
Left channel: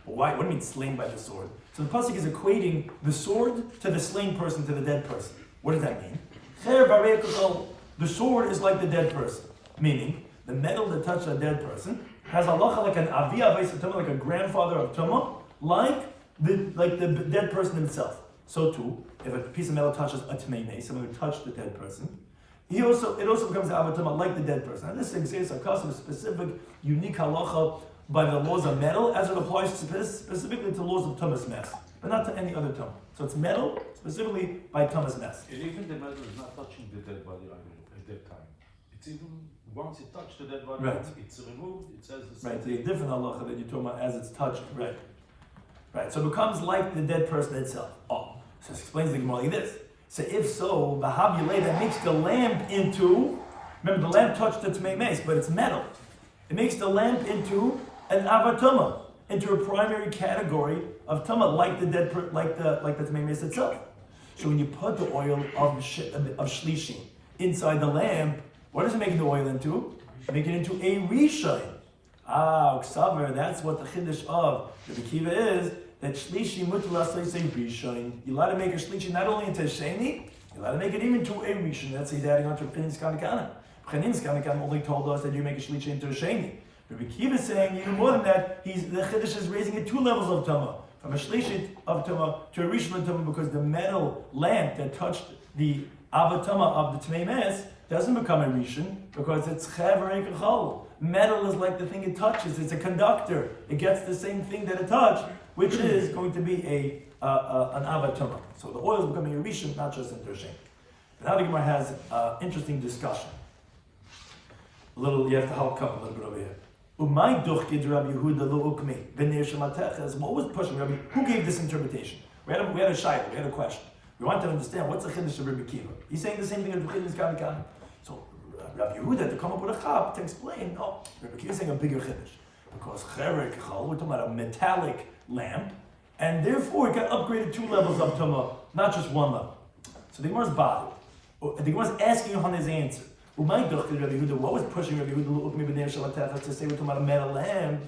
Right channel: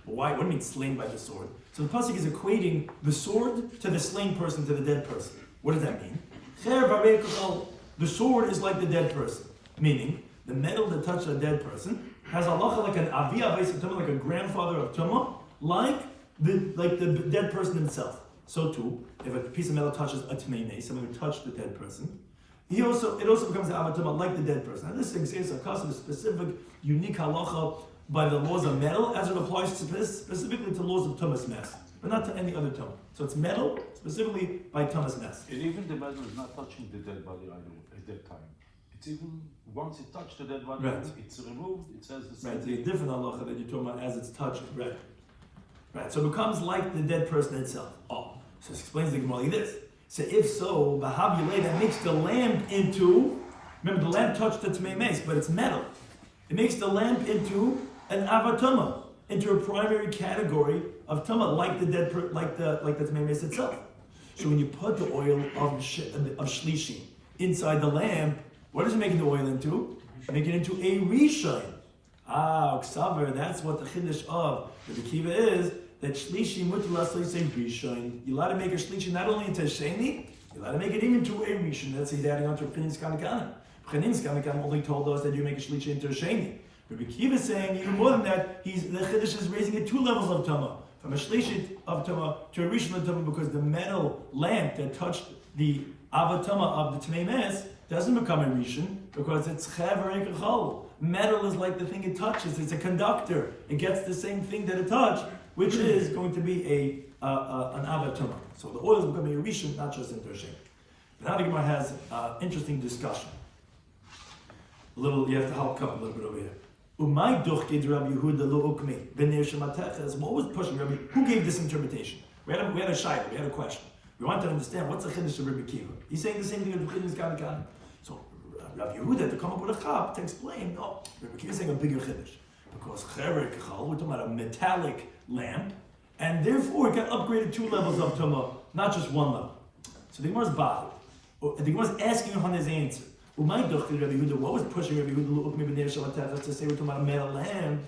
But why? What do you mean slain by the sword? So the pasuk is equating the sword to the slain person, to the dead person. What does that mean? The sword is like the dead person, meaning the metal that touched a dead person has halacha like an avi avos tumah, like a grandfather of tumah, like the dead person himself. So too, if a piece of metal touches a tmei, someone who touched the dead person, it also becomes an avatama like the dead person. And this exists a custom, a specific, unique halacha by the laws of metal, as it applies specifically to laws of tumas mess, but not to any other tumah. So it's metal specifically by tumas mess. Even the metal is not touching the dead body at that time. It's even once it touched the dead body, right. It's removed. It says the same right. thing. The different halacha that you're talking about as it's touched. Right. Right. So it becomes like the dead person itself. Oh. So it explains the Gemara like this. So if so, the Havuleh that makes the lamp into, remember the lamp touched the Tmei Meis, but it's metal. It makes the lamp into an Avatuma, into a primary category of Tuma, like the dead, like the Tmei Meis itself. So when you put the oil of Shlishi inside the lamp, what is it making the oil into? Making it into a Rishon. Ksaver, that's what the Chiddush of the Kiva is. That shlishi mutla say rishon. You're allowed to make a shlishi not only into a sheni, you're allowed to make it even into a rishon. That's he's adding on to Peni's Kamikanim. Peni's Kamikanim only told us that you make a shlishi into a sheni. Rabbi Kiva is saying even more than that. The chiddush is raising it 2 levels of tama, from a shlishi of tama to a rishon of tama, because the metal lamp that touched the avatama of the tmei mes doesn't become a rishon because it's chaver ekachol. Metal is like the thing it touches. It's a conductor. It gets the same thing that it touched, which is going to be an avatama. So the oil is becoming a rishon, not just into a shem. Now the Gemara has interesting discussion. You have to help up a little bit over here. Umay duchkid Rabbi Yehuda lo ukmi v'nir shemateches. What was pushing Rabbi? Who gave this interpretation? We had a shayla. We had a question. We wanted to understand what's the chiddush of Rabbi Kiva. He's saying the same thing as the chiddush Kamikanim. So Rabbi Yehuda to come up with a chap to explain. No, Rabbi Kiva is saying a bigger chiddush because cherek chal. We're talking about a metallic lamp, and therefore it got upgraded 2 levels of tama, not just 1 level. So the Gemara is bothered. The Gemara is asking on his answer. What was pushing Rabbi Yehuda to say we're talking about a metal lamp?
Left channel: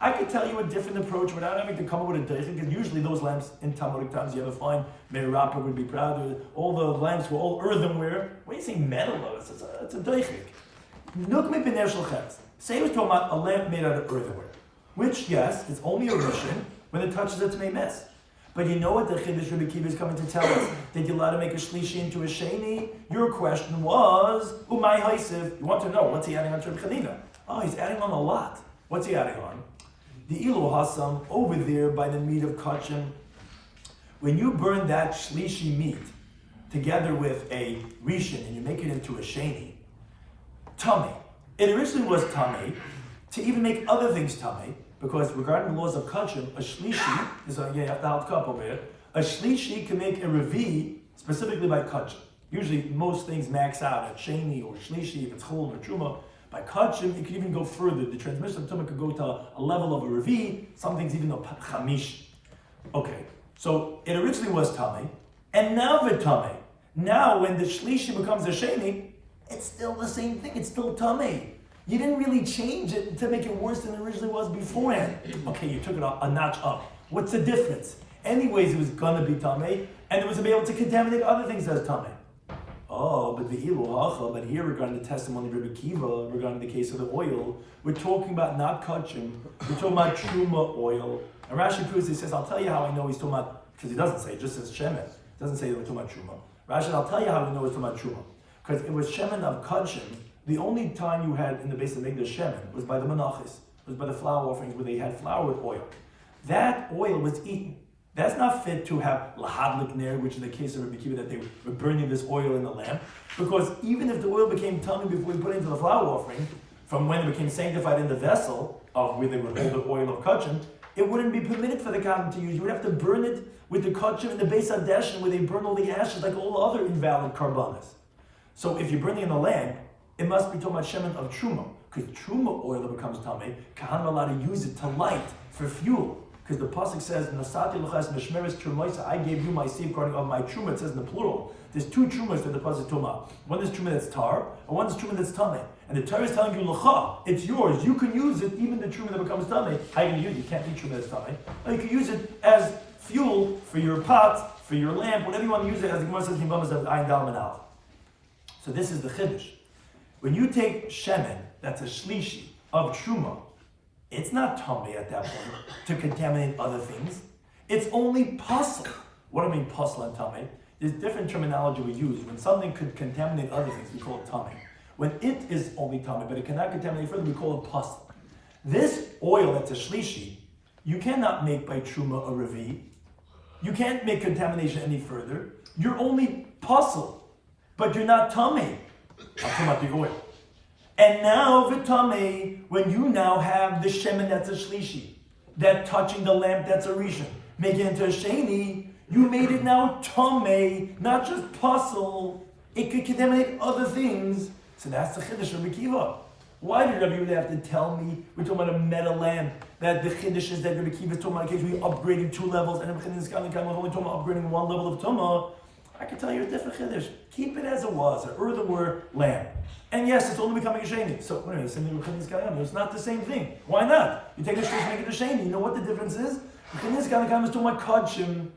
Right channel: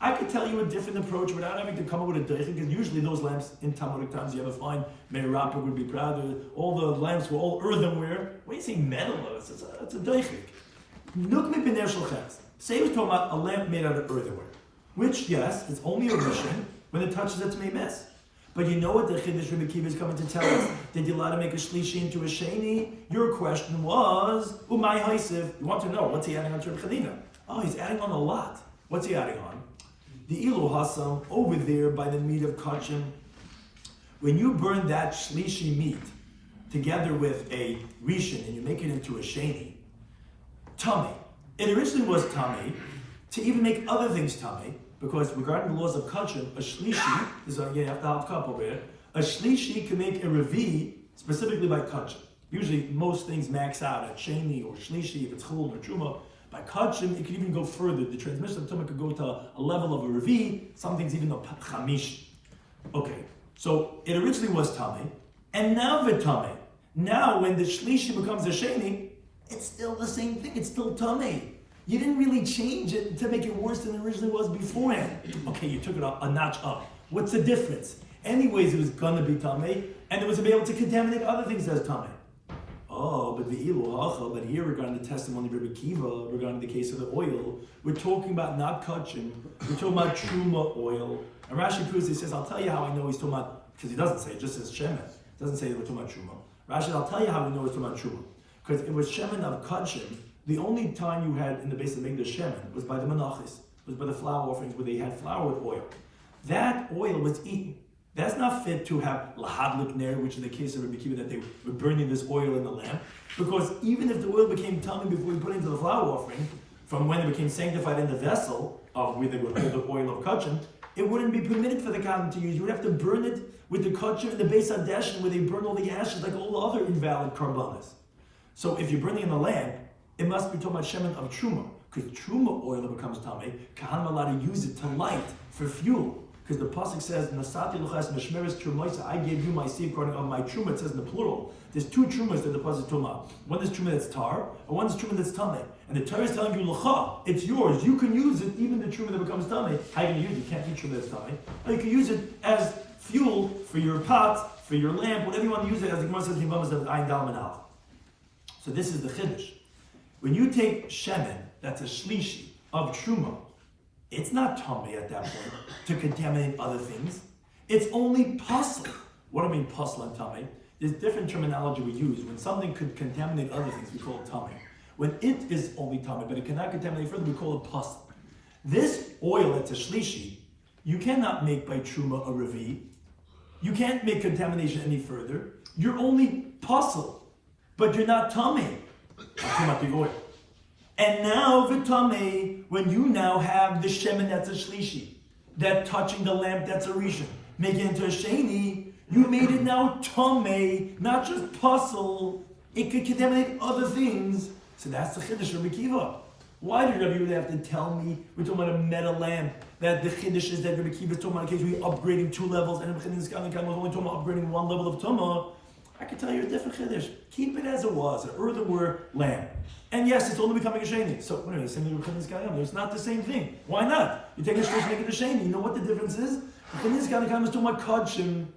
I could tell you a different approach without having to come up with a deichik, because usually those lamps in Talmudic times you ever find, Meir Rapper would be proud, all the lamps were all earthenware. When you say metal, it's a deichik. Say we're talking about a lamp made out of earthenware, which, yes, it's only a rishon when it touches it to make mess. But you know what the Chiddush Rabbi Kiva is coming to tell us? That you're allowed to make a shlishi into a sheni? Your question was, umay haisiv. You want to know, what's he adding on to Chanina? Oh, he's adding on a lot. What's he adding on? The ilu hasam, over there by the meat of kachim. When you burn that shlishi meat together with a rishon and you make it into a sheni, tummy. It originally was tummy to even make other things tummy, because regarding the laws of kachim, a shlishi, this is, you have to have a cup over here, a shlishi can make a revi specifically by kachim. Usually most things max out at sheni or shlishi, if it's chulun or truma. By kachim, it can even go further. The transmission of tumah could go to a level of a revi, some things even a chamish. Okay, so it originally was tummy, and now v'tummy. Now when the shlishi becomes a sheni, it's still the same thing, it's still tummy. You didn't really change it to make it worse than it originally was beforehand. Okay, you took it a notch up. What's the difference? Anyways, it was gonna be tummy, and it was to be able to contaminate other things as tummy. Oh, but the ilu hacha, but here regarding the testimony of Rabbi Kiva, regarding the case of the oil, we're talking about not kachim, we're talking about truma oil. And Rashi proves, he says, I'll tell you how I know he's talking about, because he doesn't say, it just says shemen. It doesn't say that we're talking about truma. Rashi, I'll tell you how we know he's talking about truma. Because it was shemen of kachim. The only time you had in the base of making the shemen was by the menachos, was by the flour offerings where they had flour with oil. That oil was eaten. That's not fit to have lahadlik ner, which in the case of Rabbi Kiva, that they were burning this oil in the lamp. Because even if the oil became tummy before you put it into the flour offering, from when it became sanctified in the vessel of where they would hold the oil of kachim, it wouldn't be permitted for the kohen to use. You would have to burn it with the kachim in the base hadeshin, where they burn all the ashes like all other invalid karbanas. So if you're burning in the lamp, it must be talking about shemen of truma, because truma oil that becomes tummy, kahan allowed to use it to light for fuel. Because the pasuk says, "Nasati l'chas meshmeres trumoisa." I gave you my seed according of my truma. It says in the plural. There's two trumas that the pasuk talks about. One is truma that's tar, and one is truma that's tummy. And the Torah is telling you, "L'cha, it's yours. You can use it, even the truma that becomes tummy. How you can use it? You can't eat truma that's tummy. Or you can use it as fuel for your pot, for your lamp, whatever you want to use it. As the Gemara says, "Ayin dal manal." So this is the chiddush. When you take shemen, that's a shlishi of truma. It's not tummy at that point to contaminate other things. It's only puzzle. What do I mean puzzle and tummy? There's different terminology we use. When something could contaminate other things, we call it tummy. When it is only tummy, but it cannot contaminate further, we call it puzzle. This oil that's a shlishi, you cannot make by truma a revi. You can't make contamination any further. You're only puzzle, but you're not tummy. I'm talking about the oil. And now, v'tamei, when you now have the shemen that's a shlishi, that touching the lamp that's a rishon, make it into a sheni, you made it now tamei, not just puzzle. It could contaminate other things. So that's the chiddush of Rabbi Kiva. Why did Rabbi Yehuda have to tell me we're talking about a metal lamp? That the chiddush is that Rabbi Kiva is talking about a case where you're upgrading 2 levels, and Rabbi Kiva was only talking about upgrading 1 level of tumah. I can tell you a different chiddush. Keep it as it was, an earthenware lamp. And yes, it's only becoming a sheni. So, wait a minute, it's not the same thing. Why not? You take a shlishi, make it a sheni. You know what the difference is? The Chaniz is talking about kachim.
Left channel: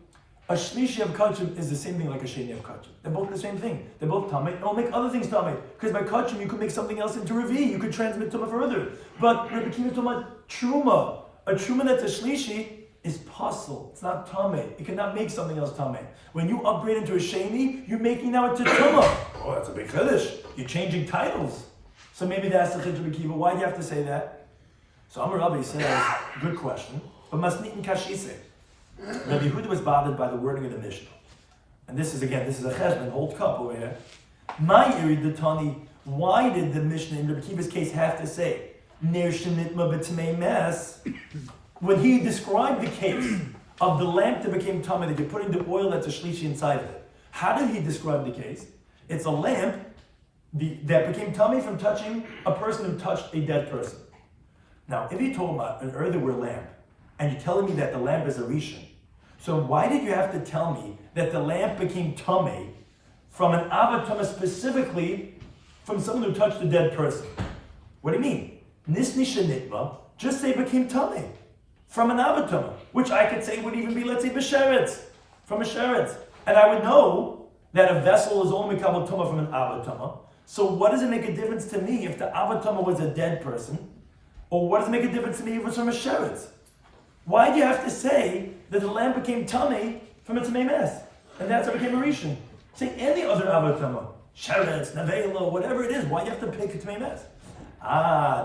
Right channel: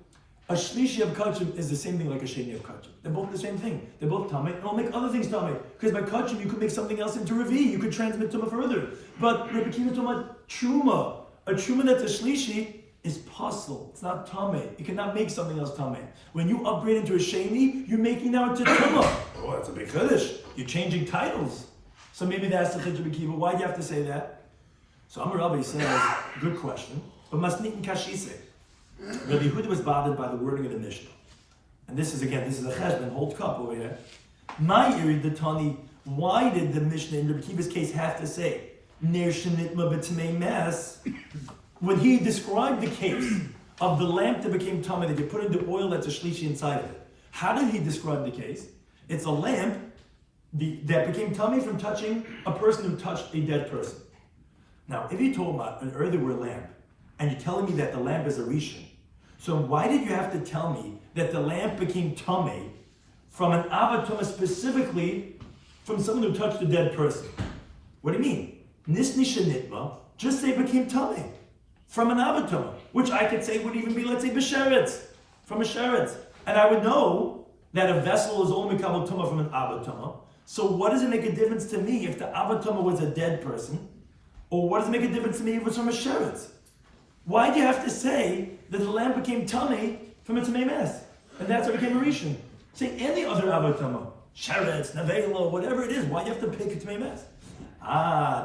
A shlishi of kachim is the same thing like a sheni of kachim. They're both the same thing. They're both tamei, and I'll make other things tamei. Because by kachim, you could make something else into revi. You could transmit tumah further. But Rabbi Kiva is talking about truma. A truma that's a shlishi is puzzle. It's not tamei. You cannot make something else tamei. When you upgrade into a sheni, you're making now into truma. Oh, that's a big chiddush. You're changing titles. So maybe that's the chiddush of Kiva. Why do you have to say that? So Amar Rabbi says, good question. But masnit and kashise. Rabbi Yehuda was bothered by the wording of the Mishnah. And this is a cheshbon, hold cup over here. My iri detani, why did the Mishnah in Rabbi Kiva's case have to say, ner shenitma b'tmei mes? When he described the case of the lamp that became tummy, that you put in the oil that's a shlishi inside of it. How did he describe the case? It's a lamp that became tummy from touching a person who touched a dead person. Now, if you told about an earthenware lamp, and you're telling me that the lamp is a rishon, so why did you have to tell me that the lamp became tummy from an avatama specifically from someone who touched a dead person. What do you mean? Nisni shenitma, just say became tummy from an avatama, which I could say would even be, let's say, b'sheretz, from a sheretz. And I would know that a vessel is only kabel tumah from an avatama. So what does it make a difference to me if the avatama was a dead person? Or what does it make a difference to me if it was from a sheretz? Why do you have to say that the lamb became tummy from its mess? And that's how it became a rishon. Say any other avatama, sheretz, nevela, whatever it is, why do you have to pick its mess?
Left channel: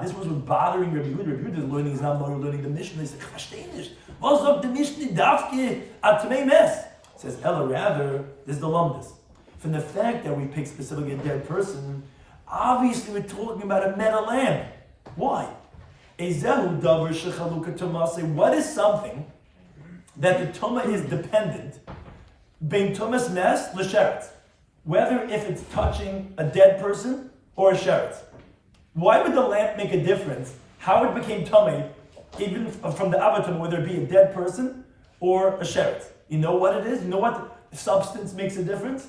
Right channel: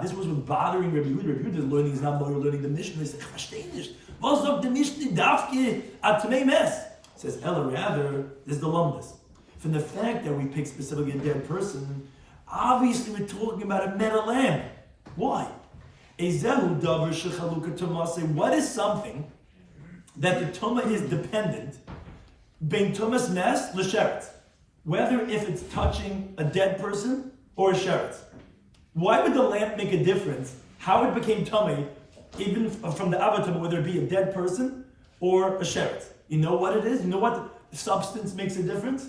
This was what's bothering Rabbi Yehuda. Rabbi Yehuda's learning is not more learning the Mishnah. He said, "Versteh nicht. Was sagt the Mishnah dafke at tmei mes?" Says, "Ella, rather, this is the lumdus. From the fact that we pick specifically a dead person, obviously we're talking about a metal lamb. Why? Ezehu davar shechaluka tumah. Say, what is something that the tumah is dependent? Bein tumas nes l'sheretz. Whether if it's touching a dead person or a sheretz. Why would the lamp make a difference? How it became tummy, even from the avatar, whether it be a dead person or a sheretz? You know what it is? You know what substance makes a difference?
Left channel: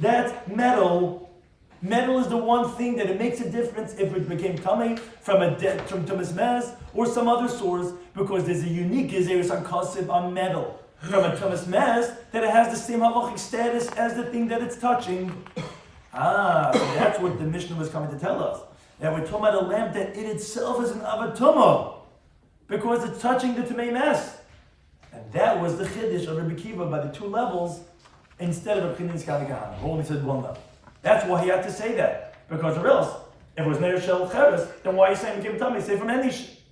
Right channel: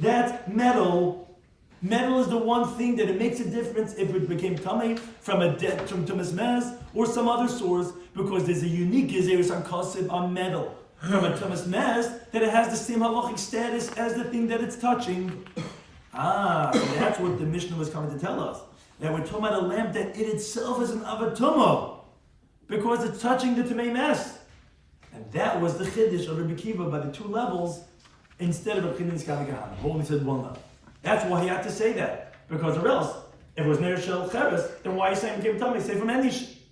That's metal. Metal is the one thing that it makes a difference if it became tummy from a dead, from tumas mes or some other source, because there's a unique gezeres hakasib on metal from a tumas mes that it has the same halachic status as the thing that it's touching. That's what the Mishnah was coming to tell us. That we're talking about a lamp that it itself is an avatuma, because it's touching the Tumei Mes. And that was the chiddush of Rabbi Kiva by the two levels, instead of a Pchinin Skali Kahan, who only said one level. That's why he had to say that, because or else, if it was Ner Shel Cheres, then why are you saying Kim Tumei? Say from any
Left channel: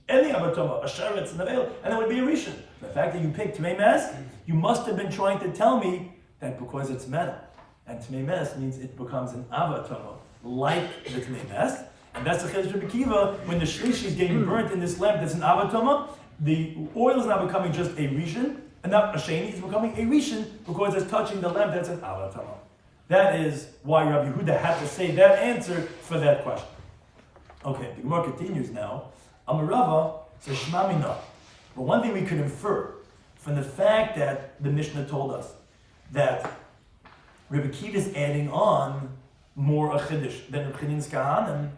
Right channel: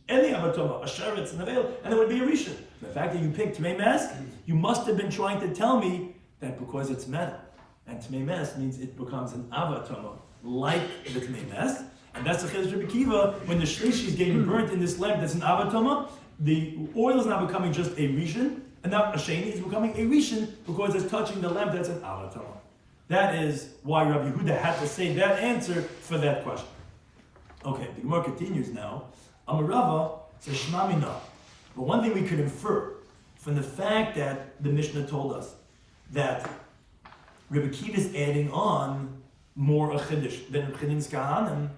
avatuma, a sheretz, and a veil, and it would be a rishon. The fact that you picked Tumei Mes, you must have been trying to tell me that because it's metal. And Tmei Mes means it becomes an avatama, like the Tmei Mes. And that's the Chiddush Rabbi Kiva. When the shlishi is getting burnt in this lamp that's an avatama, the oil is now becoming just a rishon, and not a sheni, it's becoming a rishon because it's touching the lamp that's an avatama. That is why Rabbi Yehuda had to say that answer for that question. Okay, the Gemara continues now. Amarava says Shema Mina. But one thing we could infer from the fact that the Mishnah told us that Rabbi Kiva is adding on more a chiddush than a Pchinin Skahanim,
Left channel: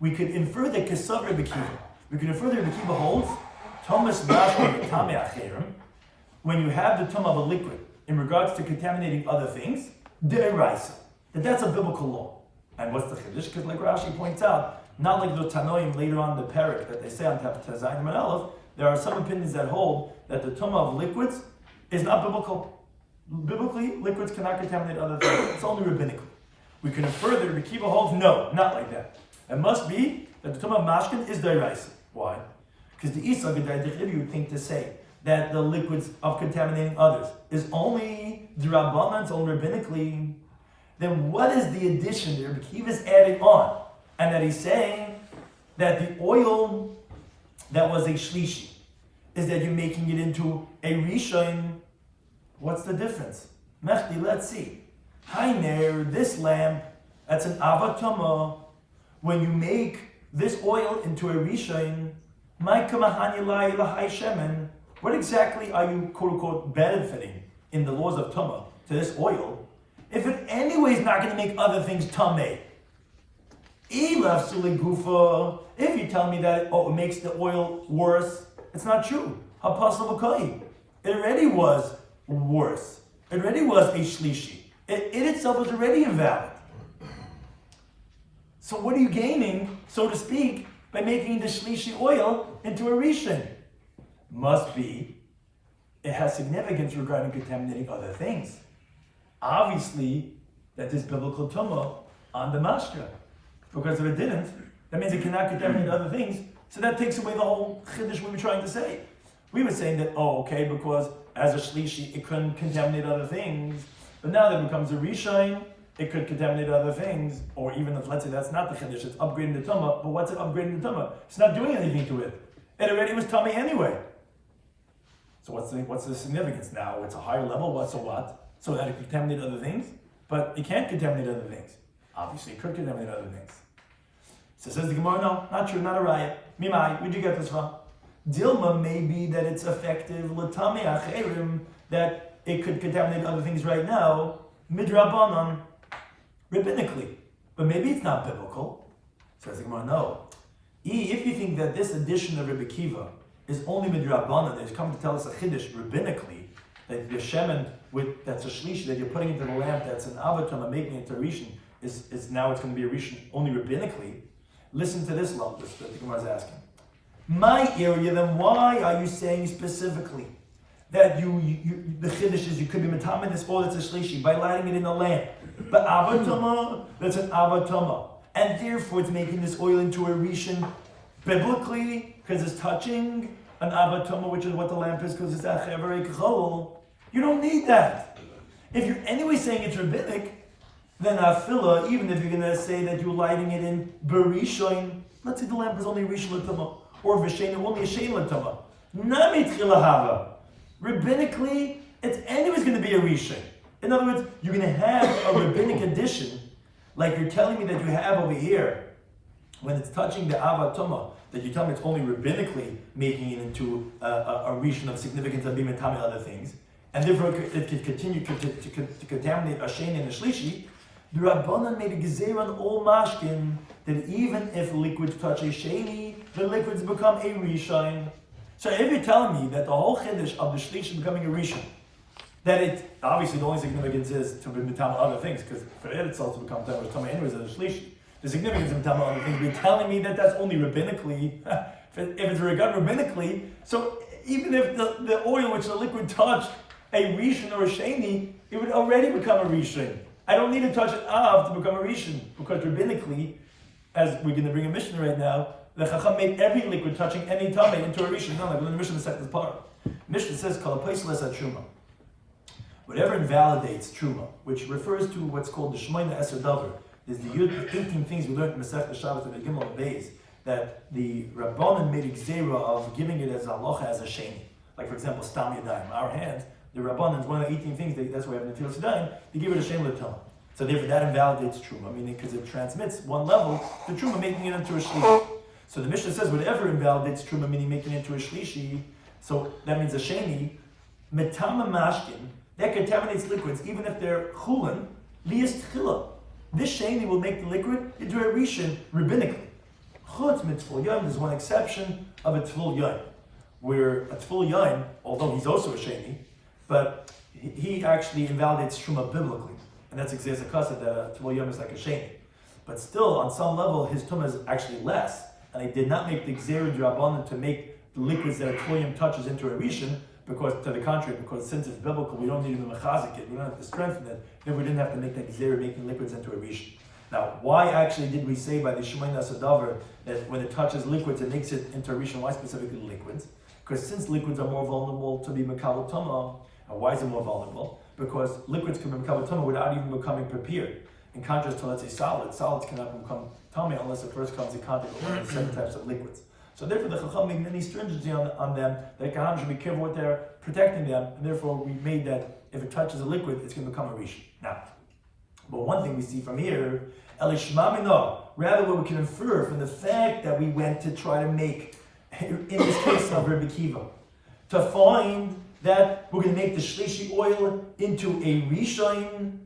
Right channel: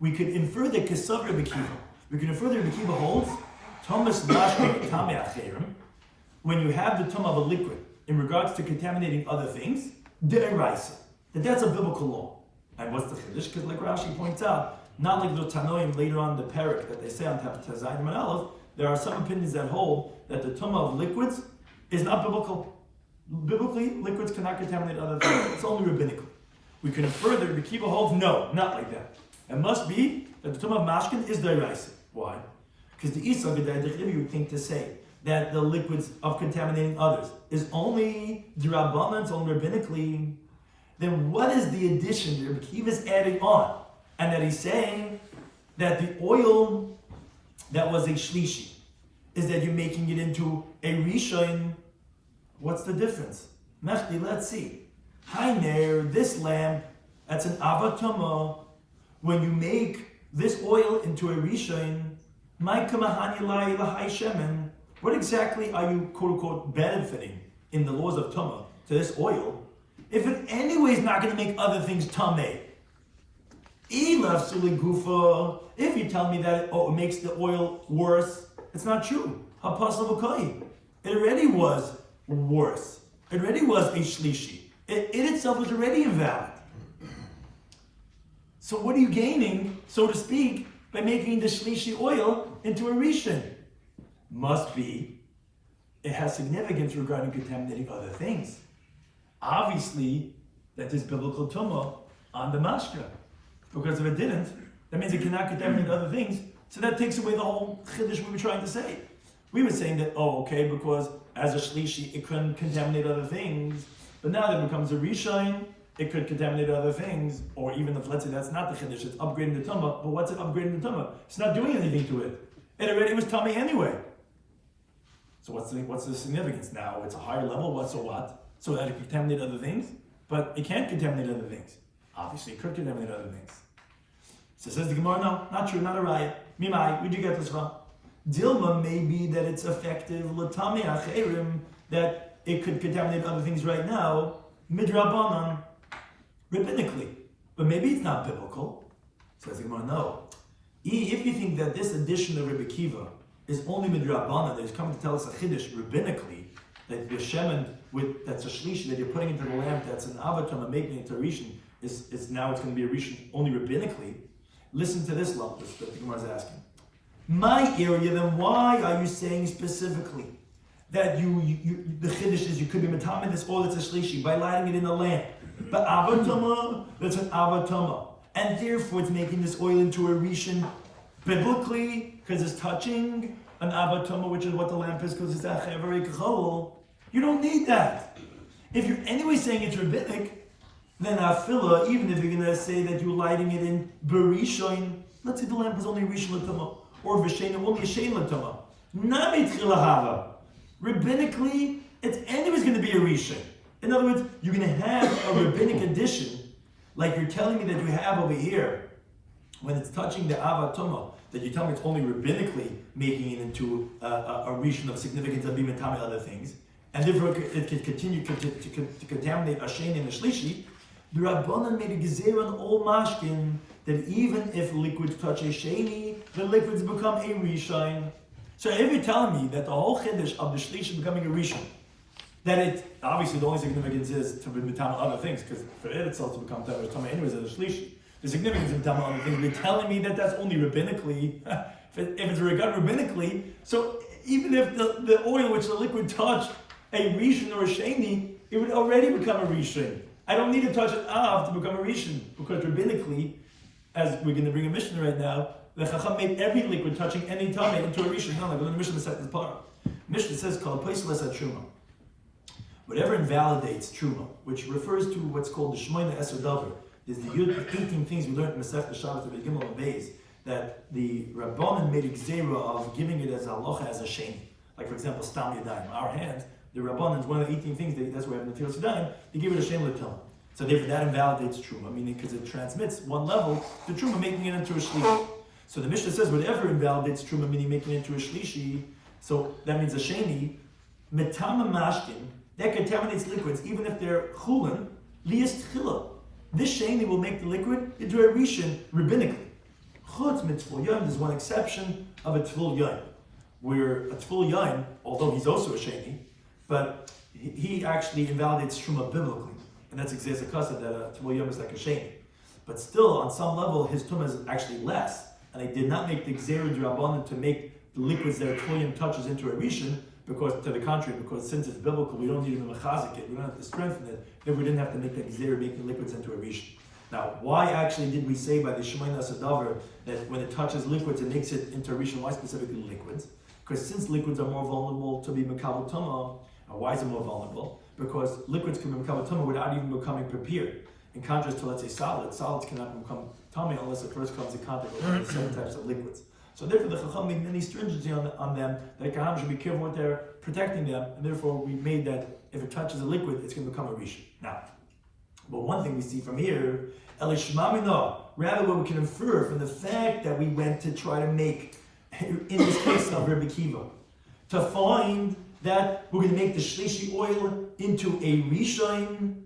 we could infer that Kesav Rabbi Kiva. We could infer that Rabbi Kiva holds Thomas Mashke Tamei Acherim, when you have the tumah of a liquid in regards to contaminating other things, De'eraisa, that's a biblical law. And what's the chiddush? Because like Rashi points out, not like the Tanoim later on in the parak that they say on Tazayim and Aleph, there are some opinions that hold that the tumah of liquids is not biblical. Biblically, liquids cannot contaminate other things. It's only rabbinical. We can infer that Rabbi Kiva holds no, not like that. It must be that the tumah of mashkin is deraisa. Why? Because the Isa Gedai you would think to say that the liquids of contaminating others is only d'Rabbanan, it's only rabbinically. Then what is the addition that Rabbi Kiva is adding on? And that he's saying that the oil that was a shlishi is that you're making it into a rishon. What's the difference? Mechti, let's see. Hainer, this lamp, that's an avatama. When you make this oil into a rishon, what exactly are you, quote unquote, benefiting in the laws of Tumah to this oil, if it anyway is not going to make other things Tameh? If you tell me that it makes the oil worse, it's not true. It already was worse. It already was a shlishi. It itself was already invalid. So what are you gaining, so to speak, by making the shlishi oil into a rishon? Must be, it has significance regarding contaminating other things. Obviously, that is biblical tumah on the mashka. Because if it didn't, that means it cannot contaminate other things. So that takes away the whole chiddush we were trying to say. We were saying that, because as a shlishi, it couldn't contaminate other things. But now that it becomes a rishon, it could contaminate other things. Or even if, let's say, that's not the chiddush, it's upgrading the tumah. But what's it upgrading the tumah? It's not doing anything to it. It already was tummy anyway. So what's the significance? Now it's a higher level, so what? So that it can contaminate other things? But it can't contaminate other things. Obviously, it could contaminate other things. So says the Gemara, no, not true, not a riot. Mimai, where'd you get this from? Dilma may be that it's effective, l'tamei acherim, that it could contaminate other things right now, midrabanan. rabbinically. But maybe it's not biblical. Says the Gemara, no. If you think that this edition of Rabbi Kiva is only midrabanan, that is coming to tell us a chiddush rabbinically, that your shemen with that's a shlishi that you're putting into the lamp, that's an avatam and making it to a rishon, is now it's going to be a rishon only rabbinically. Listen to this level that the Gemara is asking. My area, then why are you saying specifically that the chiddush is you could be matamin this oil that's a shlishi by lighting it in a lamp, but avatama, that's an avatama, and therefore it's making this oil into a rishon biblically because it's touching an avatama, which is what the lamp is, because it's a chavarei kachol. You don't need that. If you're anyway saying it's rabbinic, then afila, even if you're going to say that you're lighting it in berishoin, let's say the lamp is only rishon l'tama, or v'shein only a shein l'tama. Nami tchila hava. Rabbinically, it's anyways going to be a rishon. In other words, you're going to have a rabbinic addition, like you're telling me that you have over here, when it's touching the avatama, that you tell me it's only rabbinically making it into a rishon of significance of being and other things, and therefore it could continue to contaminate a shein and a shlishi. The Rabbanan made a gezerah on all mashkin that even if liquids touch a sheni, the liquids become a rishon. So if you're telling me that the whole chiddush of the shlishi becoming a rishon, that it obviously the only significance is to be mitam other things, because for it itself to become tam anyways as a shlishi. The significance of mitam other things. You're telling me that that's only rabbinically. If it's regard rabbinically, so even if the oil which the liquid touched a rishon or a sheni, it would already become a rishon. I don't need to touch it av to become a rishon, because rabbinically, as we're going to bring a Mishnah right now, the Chacham made every liquid touching any tamei into a rishon. No, like when the Mishnah said the part. Mishnah says called a placeless at truma. Whatever invalidates truma, which refers to what's called the shmoina esadavar, is the 18 things we learned in Masechta Shabbos and the Gimel and Beis, that the Rabbanan made a gzera of giving it as a halacha as a sheni. Like for example, stam yadayim, our hands. The Rabbanan is one of the 18 things, that's why we have Netilas Yadayim, they give it a Shem L'Tila. So therefore that invalidates Truma, meaning because it transmits one level to Truma, making it into a Shlishi. So the Mishnah says whatever invalidates Truma, meaning making it into a Shlishi, so that means a Sheni, Metama Mashkin, that contaminates liquids, even if they're Chulin, Lias Tchila. This Sheni will make the liquid into a Rishon rabbinically. Chutz Mitzvul Yain, there's one exception of a Tvul Yain, where a Tvul Yain, although he's also a Sheni, but he actually invalidates Truma biblically. And that's exactly the custom that a Tvul Yom is like a shame. But still, on some level, his Tumah is actually less. And they did not make the Gzerah D'Rabbanan to make the liquids that a Tvul Yom touches into a Rishon, because to the contrary, because since it's biblical, we don't need to mechazik it, we don't have to strengthen it, then we didn't have to make that Gzerah making liquids into a Rishon. Now, why actually did we say by the Shemaina Sadavar that when it touches liquids, it makes it into a Rishon? Why specifically liquids? Because since liquids are more vulnerable to be Mekabel Tumah, why is it more vulnerable? Because liquids can become tumah without even becoming prepared. In contrast to, let's say, solids cannot become tummy unless it first comes in contact with one of the 7 types of liquids. So therefore, the Chacham made many stringency on them, that Kaham should be careful what they're protecting them, and therefore we made that if it touches a liquid, it's going to become a rishon. Now, but one thing we see from here, Elishmamino, rather what we can infer from the fact that we went to try to make, in this case of Rabbi Kiva, to find that we're going to make the shlishi oil into a rishon